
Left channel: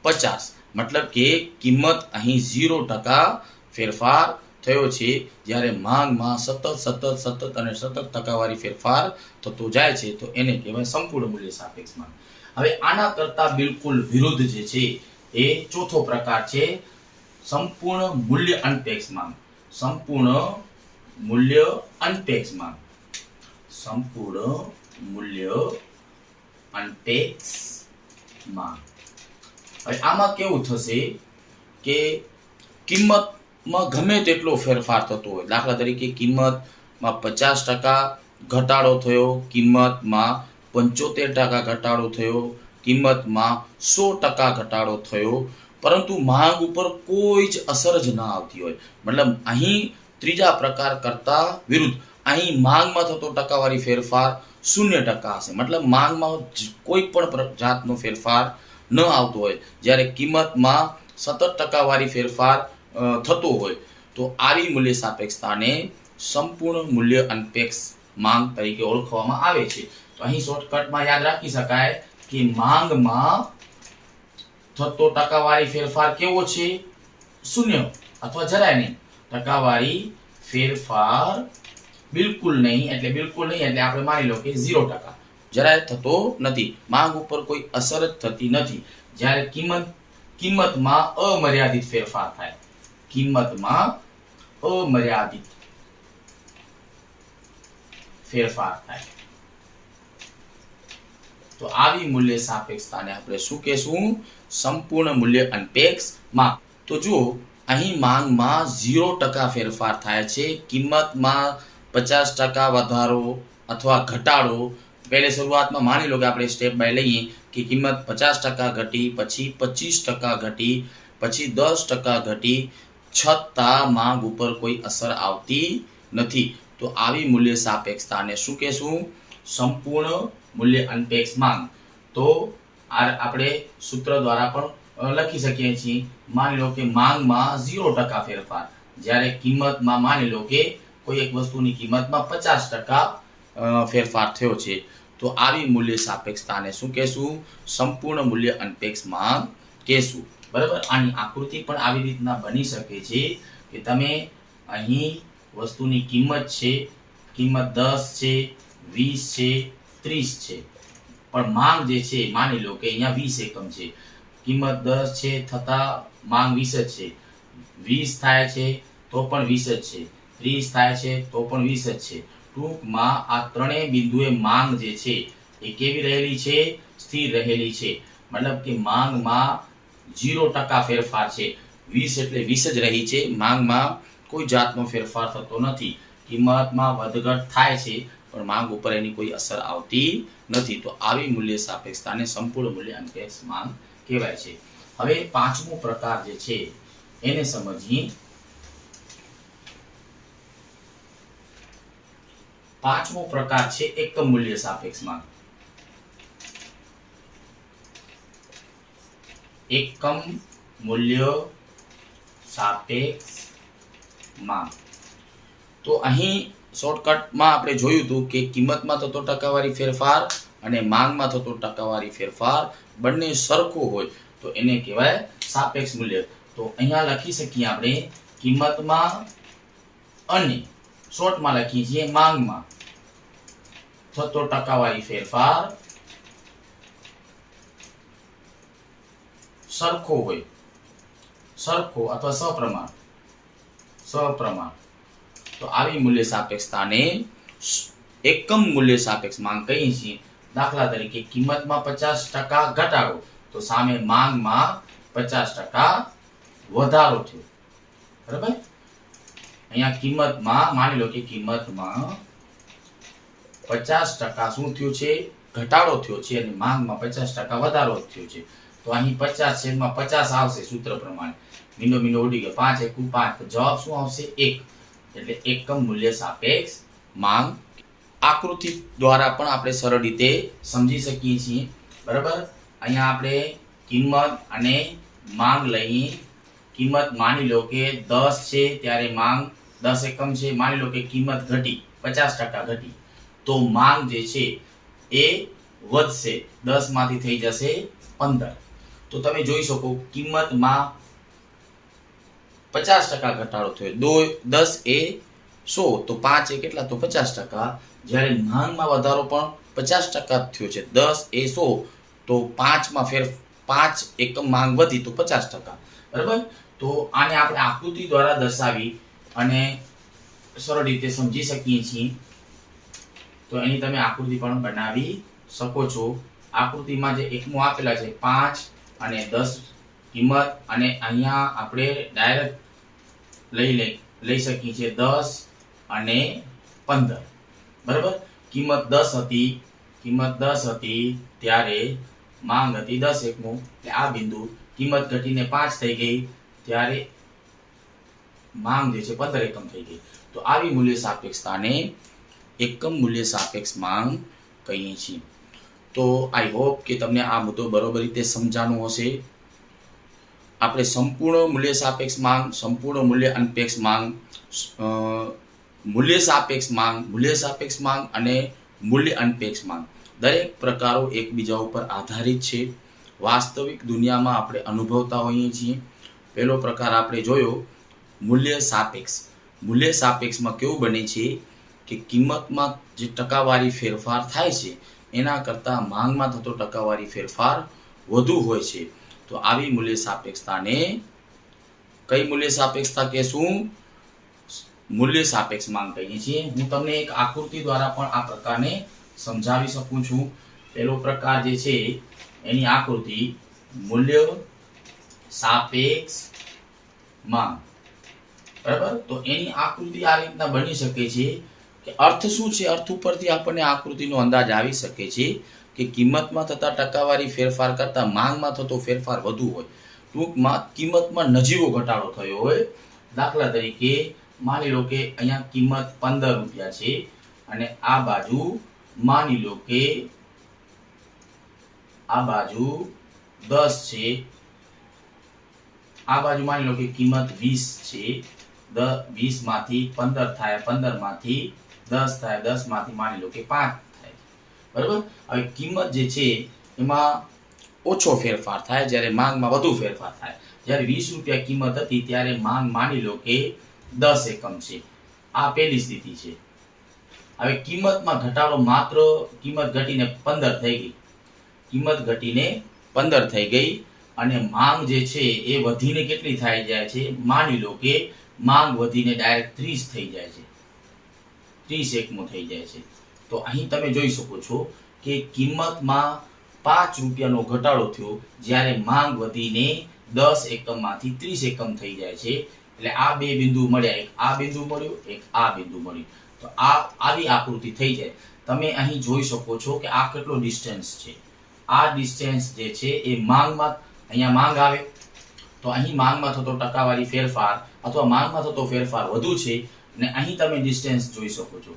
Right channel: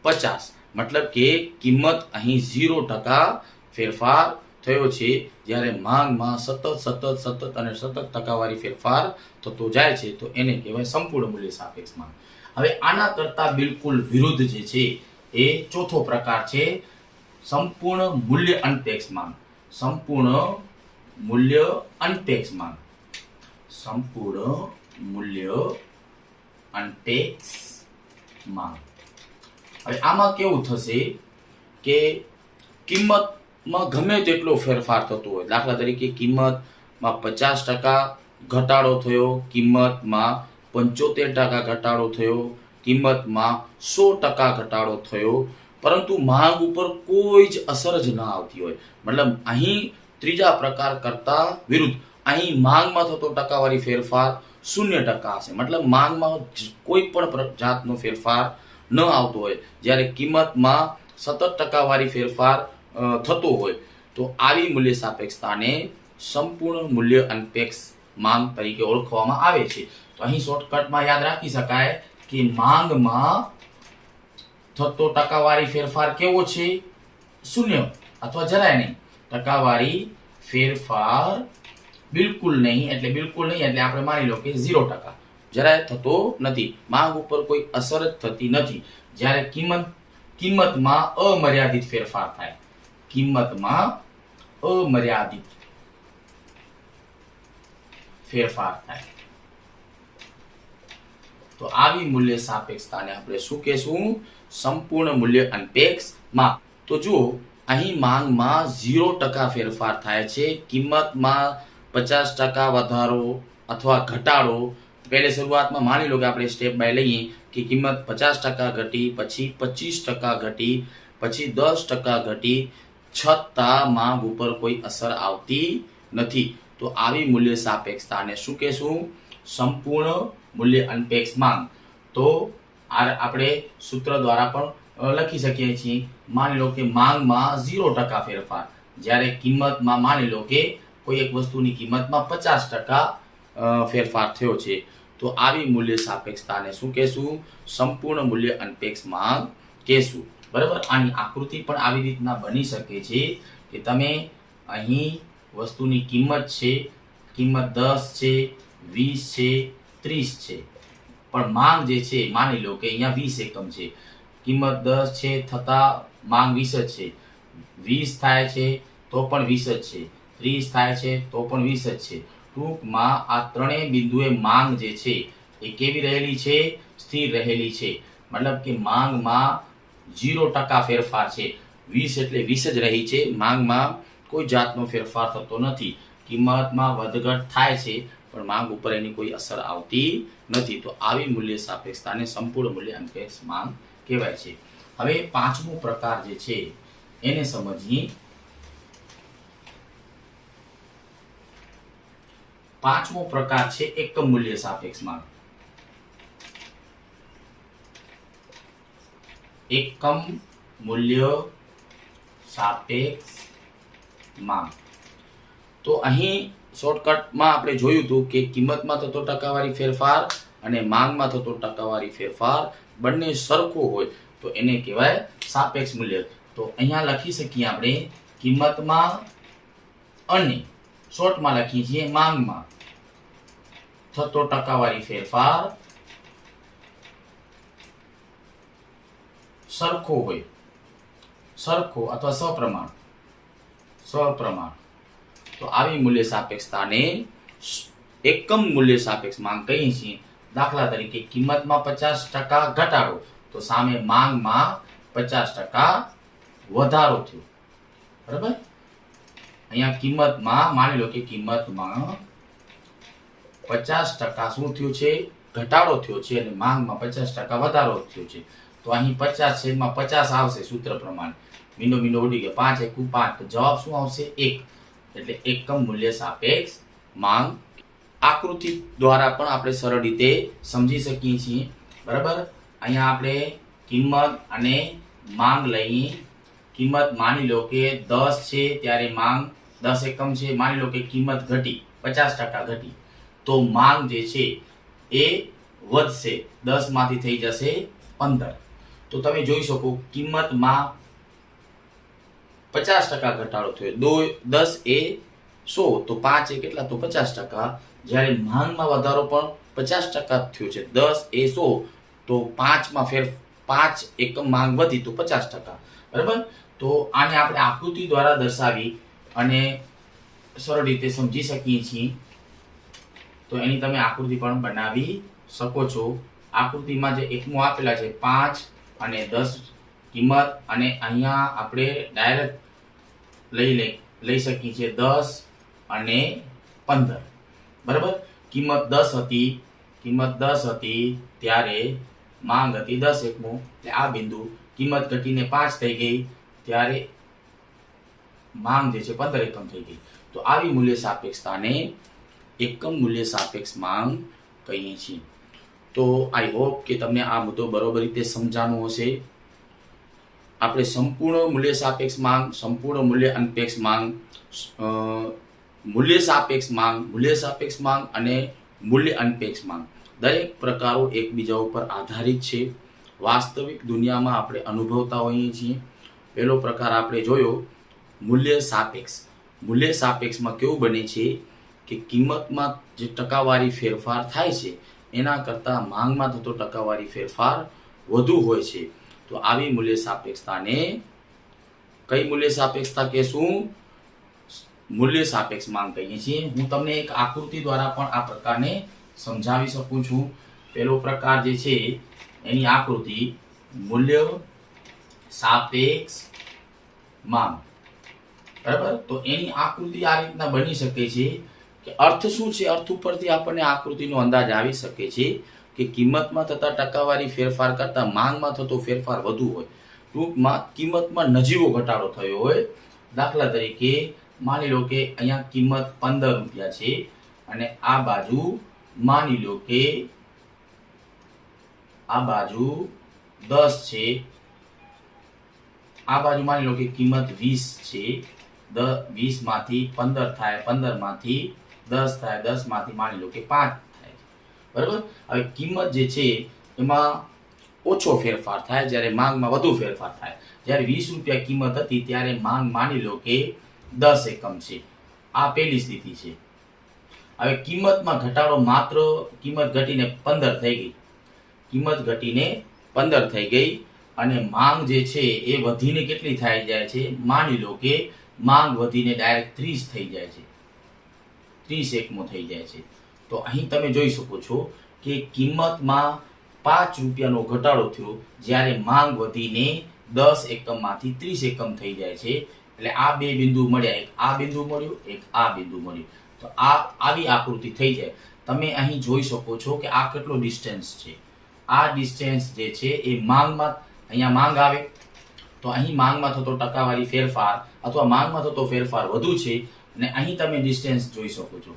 50. મતલબ કે કિંમત અહીં 0% ફેરફાર થયો છે, જ્યારે માંગમાં સતત ટકાવારી ફેરફાર થતો જાય છે. તો એને કહેવાય સંપૂર્ણ મૂલ્ય સાપેક્ષ માંગ. હવે આના કરતા બિલકુલ વિરુદ્ધ જે છે એ ચોથો પ્રકાર છે સંપૂર્ણ મૂલ્ય અનપેક્ષ માંગ. સંપૂર્ણ મૂલ્ય અનપેક્ષ માંગ. સંપૂર્ણ મૂલ્ય અનપેક્ષ માંગ. હવે આમાં કેવું થશે કે કિંમત કિંમતમાં ગમે તેટલો ફેરફાર થતો હોય, દાખલા તરીકે કિંમતમાં 50% ઘટાડો થયો, કિંમતમાં 75% ઘટાડો થયો, કિંમતમાં 100% ઘટાડો થયો, પરંતુ માંગ ઉપર કોઈ જ અસર જ ન આવતી હોય. મતલબ અહીં ત્રીજા પ્રકાર કરતા વિરુદ્ધ અહીં માંગમાં થતો ટકાવારી ફેરફાર 0% હશે. મતલબ માંગમાં કોઈ પણ જાતનો ફેરફાર ન આવતો હોય, જ્યારે કિંમતમાં સતત ટકાવારી ફેરફાર થતો હોય, તો આવી મૂલ્ય સાપેક્ષતાને સંપૂર્ણ મૂલ્ય અનપેક્ષ માંગ તરીકે ઓળખવામાં આવે છે. તો અહીં શોર્ટકટમાં યાદ રાખી શકાય કે માંગમાં થતો ટકાવારી ફેરફાર કેવો છે? 0 અથવા જરાય નહીં. ટકાવારી ફેરફાર બિલકુલ નહીં એટલે આપણે માની લો કે 0%, જરાય થતો નથી, માંગ ઉપર કોઈ અસર જ થતી નથી. જ્યારે કિંમતમાં અમર્યાદિત ફેરફાર થાય, કિંમતમાં અમર્યાદિત ફેરફાર થાય, તો આવી મૂલ્ય સાપેક્ષતાને આપણે શું કહેશું? સંપૂર્ણ મૂલ્ય અનપેક્ષ માંગ. તો જુઓ, અહીં માંગમાં 0% ફેરફાર થાય છે, કિંમતમાં 50% વધારો અથવા ઘટાડો. પહેલે શરૂઆતમાં માની લો કે આપણે સ્ટેપ બાય લઈએ કે કિંમત 50% ઘટી, પછી 25% ઘટી, પછી 10% ઘટી, છતાં માંગ ઉપર કોઈ અસર આવતી નથી. તો આવી મૂલ્ય સાપેક્ષતાને શું કહેશું? સંપૂર્ણ મૂલ્ય અનપેક્ષ માંગ. તો આપણે સૂત્ર દ્વારા પણ લખી શકીએ છીએ. માની લો કે માંગમાં 0% ફેરફાર, જ્યારે કિંમતમાં માની લો કે કોઈ એક વસ્તુની કિંમતમાં 50% ફેરફાર થયો છે, તો આવી મૂલ્ય સાપેક્ષતાને શું કહેશું? સંપૂર્ણ મૂલ્ય અનપેક્ષ માંગ કહેશું. બરાબર. આની આકૃતિ પણ આવી રીતના બની શકે છે કે તમે અહીં વસ્તુની કિંમત છે, કિંમત 10 છે, 20 છે, 30 છે, પણ માંગ જે છે માની લો કે અહીંયા 20 એકમ છે, કિંમત 10 છે થતા માંગ 20 જ છે, 20 થાય છે તો પણ 20 જ છે, 30 થાય છે તો પણ 20 જ છે. ટૂંકમાં આ ત્રણેય બિંદુએ માંગ જે છે એ કેવી રહેલી છે? સ્થિર રહેલી છે. મતલબ કે માંગમાં 0% ફેરફાર છે, 20 એટલે 20 જ રહી છે, માંગમાં કોઈ જાતનો ફેરફાર થતો નથી. કિંમતમાં વધઘટ થાય છે પણ માંગ ઉપર એની કોઈ અસર આવતી નથી. તો આવી મૂલ્ય સાપેક્ષતાને સંપૂર્ણ મૂલ્ય અનપેક્ષ માંગ કહેવાય છે. હવે પાંચમો પ્રકાર જે છે એને સમજીએ. પાંચમો પ્રકાર છે એકમ મૂલ્ય સાપેક્ષ માંગ. એકમ મૂલ્ય સાપેક્ષ માંગ. તો અહીં શોર્ટકટમાં આપણે જોયું હતું કે કિંમતમાં થતો ટકાવારી ફેરફાર અને માંગમાં થતો ટકાવારી ફેરફાર બંને સરખો હોય તો એને કહેવાય સાપેક્ષ મૂલ્ય. તો અહીંયા લખી શકીએ આપણે કિંમતમાં અને શોર્ટમાં લખીએ છીએ માંગમાં થતો ટકાવારી ફેરફાર સરખો હોય, સરખો અથવા સપ્રમાણ. તો આવી મૂલ્ય સાપેક્ષતાને એકમ મૂલ્ય સાપેક્ષ માંગ કહીએ છીએ. દાખલા તરીકે કિંમતમાં 50% ઘટાડો તો સામે માંગમાં 50% વધારો થયો. બરાબર. અહીંયા કિંમતમાં માની લો કે કિંમતમાં 50% શું થયું છે? ઘટાડો થયો છે અને માંગમાં 50% વધારો થયો છે. તો અહીં 50/50 આવશે સૂત્ર પ્રમાણે. મીંડો ઉડી ગયો, 5 × 1 = 5. તો જવાબ શું આવશે? 1. એટલે એકમ મૂલ્ય સાપેક્ષ માંગ. આકૃતિ દ્વારા પણ આપણે સરળ રીતે સમજી શકીએ છીએ. બરાબર. અહીંયા આપણે કિંમત અને માંગ લઈએ. કિંમત માની લો કે 10 છે ત્યારે માંગ 10 એકમ છે. માની લો કે કિંમત ઘટી, 50% ઘટી, તો માંગ જે છે એ વધશે, 10 માંથી થઈ જશે 15. તો તમે જોઈ શકો કિંમતમાં 50% ઘટાડો થયો, 10 એ 100, તો 5 એ કેટલા? તો 50%. જ્યારે માંગમાં વધારો પણ 50% થયો છે, 10 એ 100, તો 5 એકમ માંગ વધી તો 50%. બરાબર. તો આને આપણે આકૃતિ દ્વારા દર્શાવી અને સરળ રીતે સમજી શકીએ છીએ. તો એની તમે આકૃતિ પણ બનાવી શકો છો. આકૃતિમાં જે એકમો આપેલા છે 5 અને 10 કિંમત, અને અહીંયા આપણે ડાયરેક્ટ લઈ શકીએ છીએ 10 અને 15. બરાબર, કિંમત 10 હતી ત્યારે માંગ હતી 10 એકમો, એટલે આ બિંદુ કિંમત ઘટીને 5 થઈ ગઈ ત્યારે માંગ જે છે 15 એકમ થઈ ગઈ. તો આવી મૂલ્ય સાપેક્ષતાને એકમ મૂલ્ય સાપેક્ષ માંગ કહીએ છીએ. તો આઈ હોપ કે તમને આ મુદ્દો બરોબર રીતે સમજાણો હશે. આપણે સંપૂર્ણ મૂલ્ય સાપેક્ષ માંગ, સંપૂર્ણ મૂલ્ય અનપેક્ષ માંગ, મૂલ્ય સાપેક્ષ માંગ અને મૂલ્ય અનપેક્ષ માંગ દરેક પ્રકારો એકબીજા ઉપર આધારિત છે. વાસ્તવિક દુનિયામાં આપણે અનુભવતા હોઈએ છીએ. પહેલો પ્રકાર આપણે જોયો મૂલ્ય સાપેક્ષ. મૂલ્ય સાપેક્ષમાં કેવું બને છે કે કિંમતમાં જે ટકાવારી ફેરફાર થાય છે એના કરતાં માંગમાં થતો ટકાવારી ફેરફાર વધુ હોય છે. તો આવી મૂલ્ય સાપેક્ષતાને કઈ મૂલ્ય સાપેક્ષતા કહેશું? મૂલ્ય સાપેક્ષ માંગ કહીએ છીએ. હું તમને એક આકૃતિ દ્વારા પણ આ પ્રકારને સમજાવી શકું છું. પહેલો પ્રકાર જે છે એની આકૃતિ મૂલ્ય સાપેક્ષ માંગ. બરાબર, તો એની આકૃતિ આ રીતના બની શકે છે કે અર્થ શું છે, અર્થ ઉપરથી આપણને આકૃતિનો અંદાજ આવી શકે છે કે કિંમતમાં થતા ટકાવારી ફેરફાર કરતાં માંગમાં થતો ફેરફાર વધુ હોય. ટૂંકમાં કિંમતમાં નજીવો ઘટાડો થયો હોય. દાખલા તરીકે માની લો કે અહીંયા કિંમત 15 રૂપિયા છે અને આ બાજુ માની લો કે આ બાજુ 10 છે, આ બાજુ માની લો કે કિંમત 20 છે. 20 માંથી 15 થાય, 15 માંથી 10 થાય, 10 માંથી માની લો કે 5 થાય. બરાબર, હવે કિંમત જે છે એમાં ઓછો ફેરફાર થાય જ્યારે માંગમાં વધુ ફેરફાર થાય. જ્યારે 20 રૂપિયા કિંમત હતી ત્યારે માંગ માની લો કે 10 એકમ છે. આ પહેલી સ્થિતિ છે. હવે કિંમતમાં ઘટાડો માત્ર કિંમત ઘટીને 15 થઈ ગઈ. કિંમત ઘટીને 15 થઈ ગઈ અને માંગ જે છે એ વધીને કેટલી થઈ જાય છે? માની લો કે માંગ વધીને ડાયરેક્ટ 30 થઈ જાય છે. 30 એકમો થઈ જાય છે. તો અહીં તમે જોઈ શકો છો કે કિંમતમાં 5 રૂપિયાનો ઘટાડો થયો જ્યારે માંગ વધીને 10 એકમમાંથી 30 એકમ થઈ જાય છે. એટલે આ બે બિંદુ મળ્યા, એક આ બિંદુ મળ્યું, એક આ બિંદુ મળ્યું. તો આવી આકૃતિ થઈ જાય. તમે અહીં જોઈ શકો છો કે આ કેટલો ડિસ્ટન્સ છે. આ ડિસ્ટન્સ જે છે એ માંગમાં, અહીંયા માંગ આવે તો અહીં માંગમાં થતો ટકાવારી ફેરફાર અથવા માંગમાં થતો ફેરફાર વધુ છે અને અહીં તમે ડિસ્ટન્સ જોઈ શકો છો.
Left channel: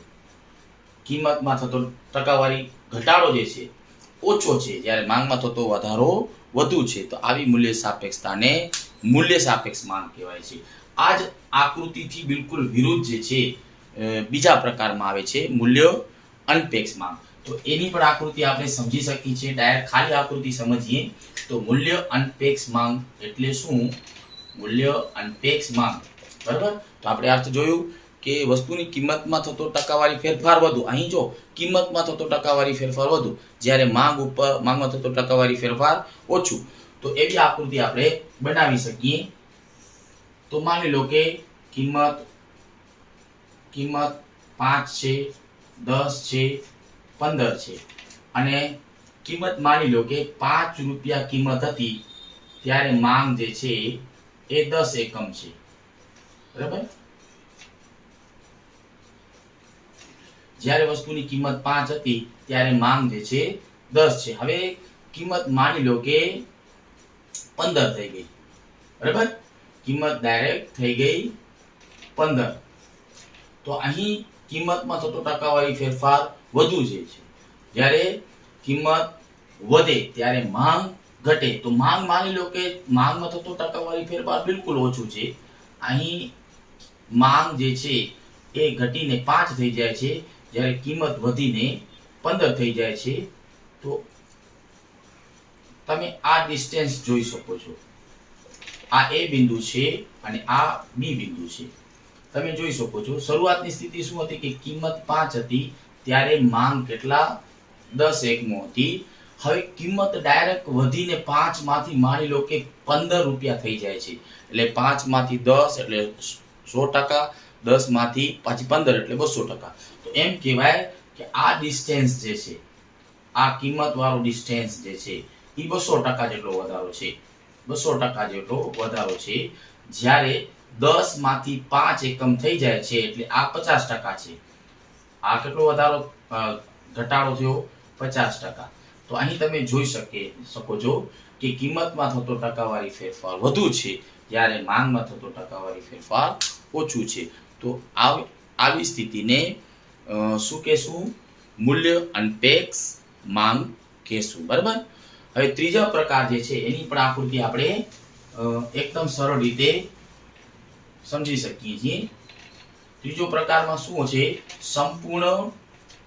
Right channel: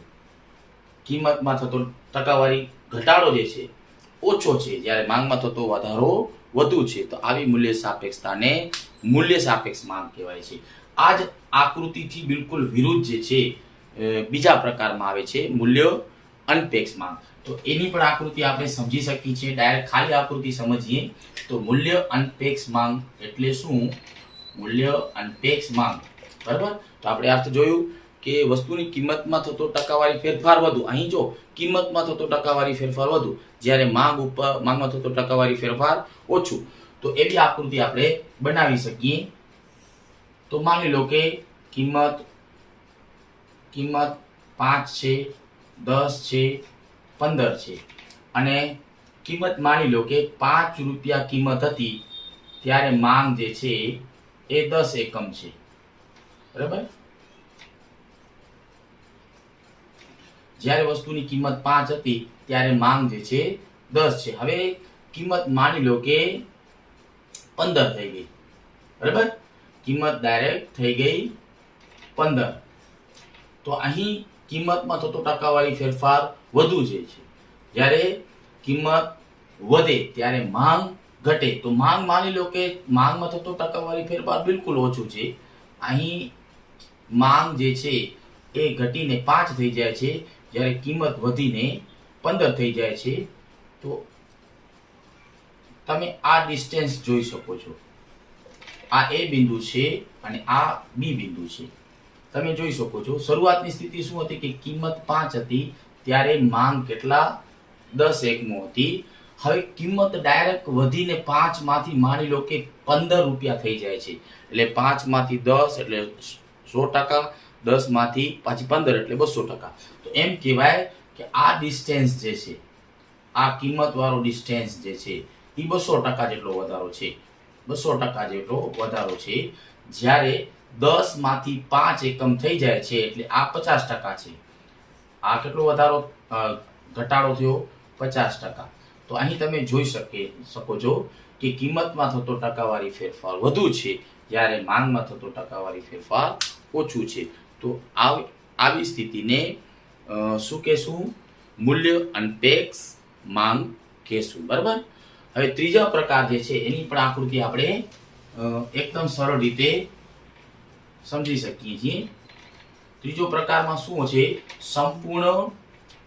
કિંમતમાં થતો ટકાવારી ઘટાડો જે છે ઓછો છે જ્યારે માંગમાં થતો વધારો વધુ છે. તો આવી મૂલ્ય સાપેક્ષતાને મૂલ્ય સાપેક્ષ માંગ કહેવાય છે. આ જ આકૃતિથી બિલકુલ વિરુદ્ધ જે છે બીજા પ્રકારમાં આવે છે મૂલ્ય અનપેક્ષ માંગ. તો એની પણ આકૃતિ આપણે સમજી શકીએ છીએ. ડાયરેક્ટ ખાલી આકૃતિ સમજીએ તો મૂલ્ય અનપેક્ષ માંગ એટલે શું? મૂલ્ય અનપેક્ષ માંગ. બરાબર, તો આપણે અર્થ જોયું કે વસ્તુની કિંમતમાં થતો ટકાવારી ફેરફાર વધુ. અહીં જો કિંમતમાં થતો ટકાવારી ફેરફાર વધુ જ્યારે માંગમાં થતો ટકાવારી ફેરફાર ઓછું. તો એવી આકૃતિ આપણે બનાવી શકીએ. તો માની લો કે કિંમત 5 છે, 10 છે, 15 છે અને કિંમત માની લો કે 5 રૂપિયા કિંમત હતી ત્યારે માંગ જે છે એ 10 એકમ છે. બરાબર, જ્યારે વસ્તુની કિંમત 5 હતી ત્યારે માંગ જે છે 10 છે. હવે કિંમત માની લો કે 15 થઈ ગઈ. બરાબર, કિંમત ડાયરેક્ટ થઈ ગઈ 15. તો અહીં કિંમતમાં થતો ટકાવારી ફેરફાર વધુ છે. જ્યારે કિંમત વધે ત્યારે માંગ ઘટે. તો માંગ માની લો કે માંગમાં થતો ટકાવારી ફેરફાર બિલકુલ ઓછું છે. અહીં માંગ જે છે એ ઘટીને 5 થઈ જાય છે જ્યારે કિંમત વધીને 15 થઈ જાય છે. તો તમે આ ડિસ્ટન્સ જોઈ શકો છો. આ એ બિંદુ છે અને આ બી બિંદુ છે. તમે જોઈ શકો છો શરૂઆતની સ્થિતિ શું હતી કે કિંમત 5 હતી ત્યારે માંગ કેટલા? 10 એકમો હતી. હવે કિંમત ડાયરેક્ટ વધીને 5 માંથી માની લો કે 15 રૂપિયા થઈ જાય છે. એટલે 5 માંથી 10 એટલે 100%, 10 માંથી પાછી 15 એટલે 200%. તો એમ કહેવાય કે આ ડિસ્ટન્સ જે છે, આ કિંમત વાળો ડિસ્ટન્સ જે છે એ 200% જેટલો વધારો છે. 200% જેટલો વધારો છે. જ્યારે 10 માંથી 5 એકમ થઈ જાય છે એટલે આ 50% છે. આ કેટલો વધારો ઘટાડો થયો? 50%. તો અહીં તમે જોઈ શકો છો કે કિંમતમાં થતો ટકાવારી ફેરફાર વધુ છે જ્યારે માંગમાં થતો ટકાવારી ફેરફાર ઓછું છે. તો આવી સ્થિતિને શું કહેશું? મૂલ્ય અનપેક્ષ માંગ કહેશું. બરાબર. હવે ત્રીજા પ્રકાર જે છે એની પણ આકૃતિ આપણે એકદમ સરળ રીતે સમજી શકીએ છીએ. ત્રીજો પ્રકારમાં શું છે? સંપૂર્ણ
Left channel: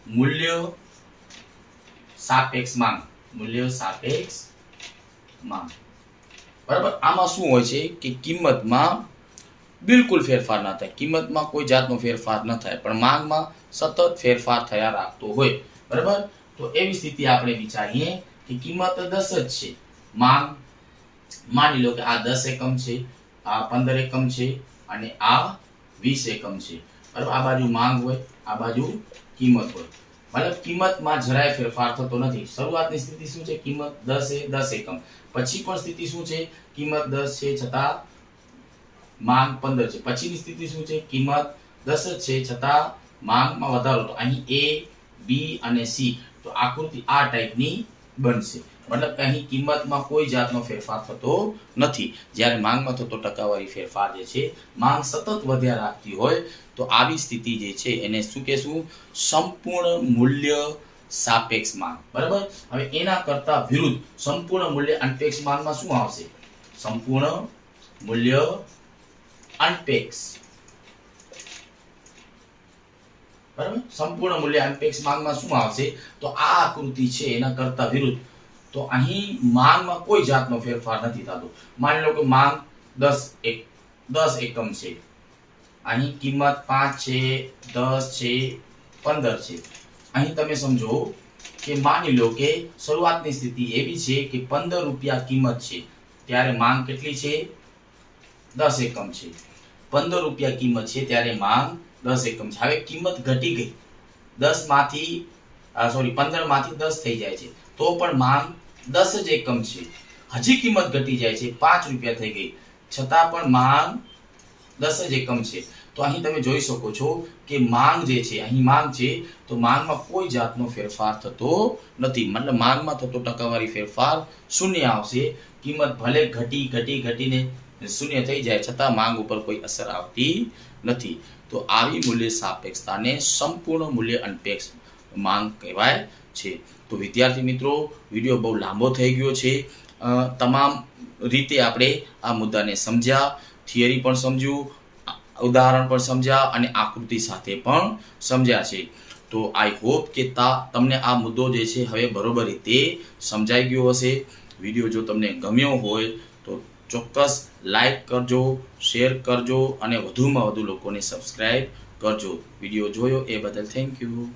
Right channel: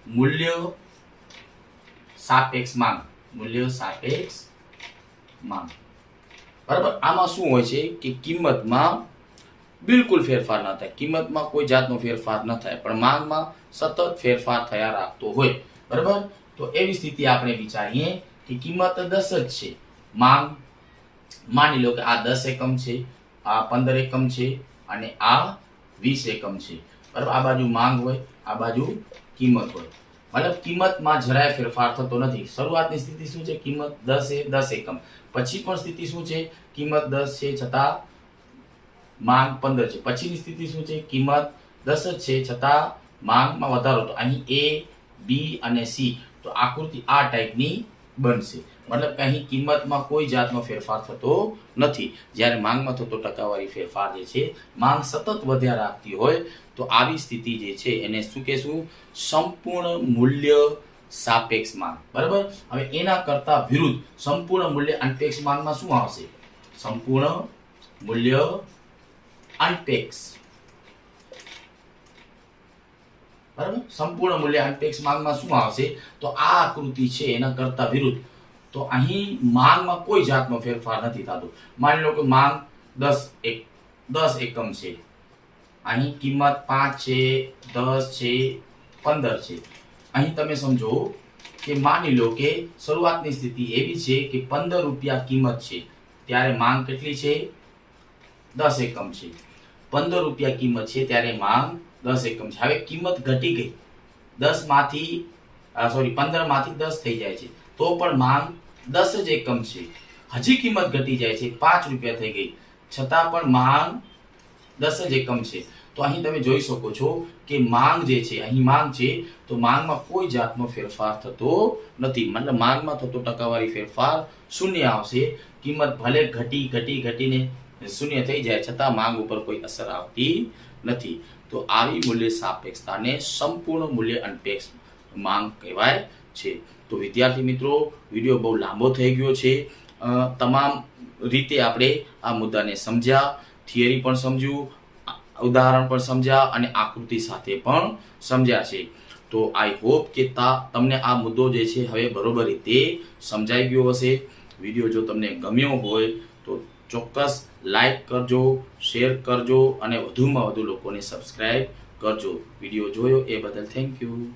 મૂલ્ય સાપેક્ષ માંગ. મૂલ્ય સાપેક્ષ માંગ. બરાબર. આમાં શું હોય છે કે કિંમતમાં બિલકુલ ફેરફાર ન થાય, કિંમતમાં કોઈ જાતનો ફેરફાર ન થાય, પણ માંગમાં સતત ફેરફાર થયા રાખતો હોય. બરાબર. તો એવી સ્થિતિ આપણે વિચારીએ કે કિંમત 10 જ છે, માંગ માની લો કે આ 10 એકમ છે, આ 15 એકમ છે અને આ 20 એકમ છે. બરાબર. આ બાજુ માંગ હોય, આ બાજુ કિંમત હોય. મતલબ કિંમતમાં જરાય ફેરફાર થતો નથી. શરૂઆતની સ્થિતિ શું છે? કિંમત 10 એકમ. પછી પણ સ્થિતિ શું છે? કિંમત 10 છે છતાં માંગ 15 છે. પછીની સ્થિતિ શું છે? કિંમત 10 જ છે છતાં માંગમાં વધારો. તો અહીં A, B અને C. તો આકૃતિ આ ટાઈપની બનશે. મતલબ કે અહીં કિંમતમાં કોઈ જાતનો ફેરફાર થતો નથી, જ્યારે માંગમાં થતો ટકાવારી ફેરફાર જે છે, માંગ સતત વધ્યા રાખતી હોય. તો આવી સ્થિતિ જે છે એને શું કહેશું? સંપૂર્ણ મૂલ્ય સાપેક્ષ માંગ. બરાબર. હવે એના કરતા વિરુદ્ધ સંપૂર્ણ મૂલ્ય અનપેક્ષ માંગમાં શું આવશે? સંપૂર્ણ મૂલ્ય અનપેક્ષ. બરાબર. સંપૂર્ણ મૂલ્ય અનપેક્ષ માંગમાં શું આવશે? તો આ આકૃતિ છે એના કરતા વિરુદ્ધ. તો અહીં માંગમાં કોઈ જાતનો ફેરફાર નથી થતો. માની લો કે માંગ 10 એકમ છે, અહીં કિંમત 5 છે, 10 છે, 15 છે. અહીં તમે સમજો કે માની લો કે શરૂઆતની સ્થિતિ એવી છે કે 15 રૂપિયા કિંમત છે, ત્યારે માંગ કેટલી છે? 10 એકમ છે. 15 રૂપિયા કિંમત છે ત્યારે માંગ 10 એકમ છે. હવે કિંમત ઘટી ગઈ, 15 માંથી 10 થઈ જાય છે, તો પણ માંગ 10 જ એકમ છે. હજી કિંમત ઘટી જાય છે, 5 રૂપિયા થઈ ગઈ, છતાં પણ માંગ 10 જ એકમ છે. તો અહીં તમે જોઈ શકો છો કે માંગ જે છે, અહીં માંગ છે, તો માંગમાં કોઈ જાતનો ફેરફાર થતો નથી. મતલબ માંગમાં થતો ટકાવારી ફેરફાર શૂન્ય આવશે. કિંમત ભલે ઘટીને શૂન્ય થઈ જાય છતાં માંગ ઉપર કોઈ અસર આવતી નથી. તો આવી મૂલ્ય સાપેક્ષતાને સંપૂર્ણ મૂલ્ય અનપેક્ષ માંગ કહેવાય છે. તો વિદ્યાર્થી મિત્રો, વિડીયો બહુ લાંબો થઈ ગયો છે. તમામ રીતે આપણે આ મુદ્દાને સમજ્યા, થિયરી પણ સમજ્યું, ઉદાહરણ પણ સમજ્યા અને આકૃતિ સાથે પણ સમજ્યા છે. તો આઈ હોપ કે તમને આ મુદ્દો જે છે હવે બરોબર રીતે સમજાઈ ગયો હશે. વિડીયો જો તમને ગમ્યો હોય તો ચોક્કસ લાઈક કરજો, શેર કરજો અને વધુમાં વધુ લોકોને સબસ્ક્રાઇબ કરજો. વિડીયો જોયો એ બદલ થેન્ક યુ.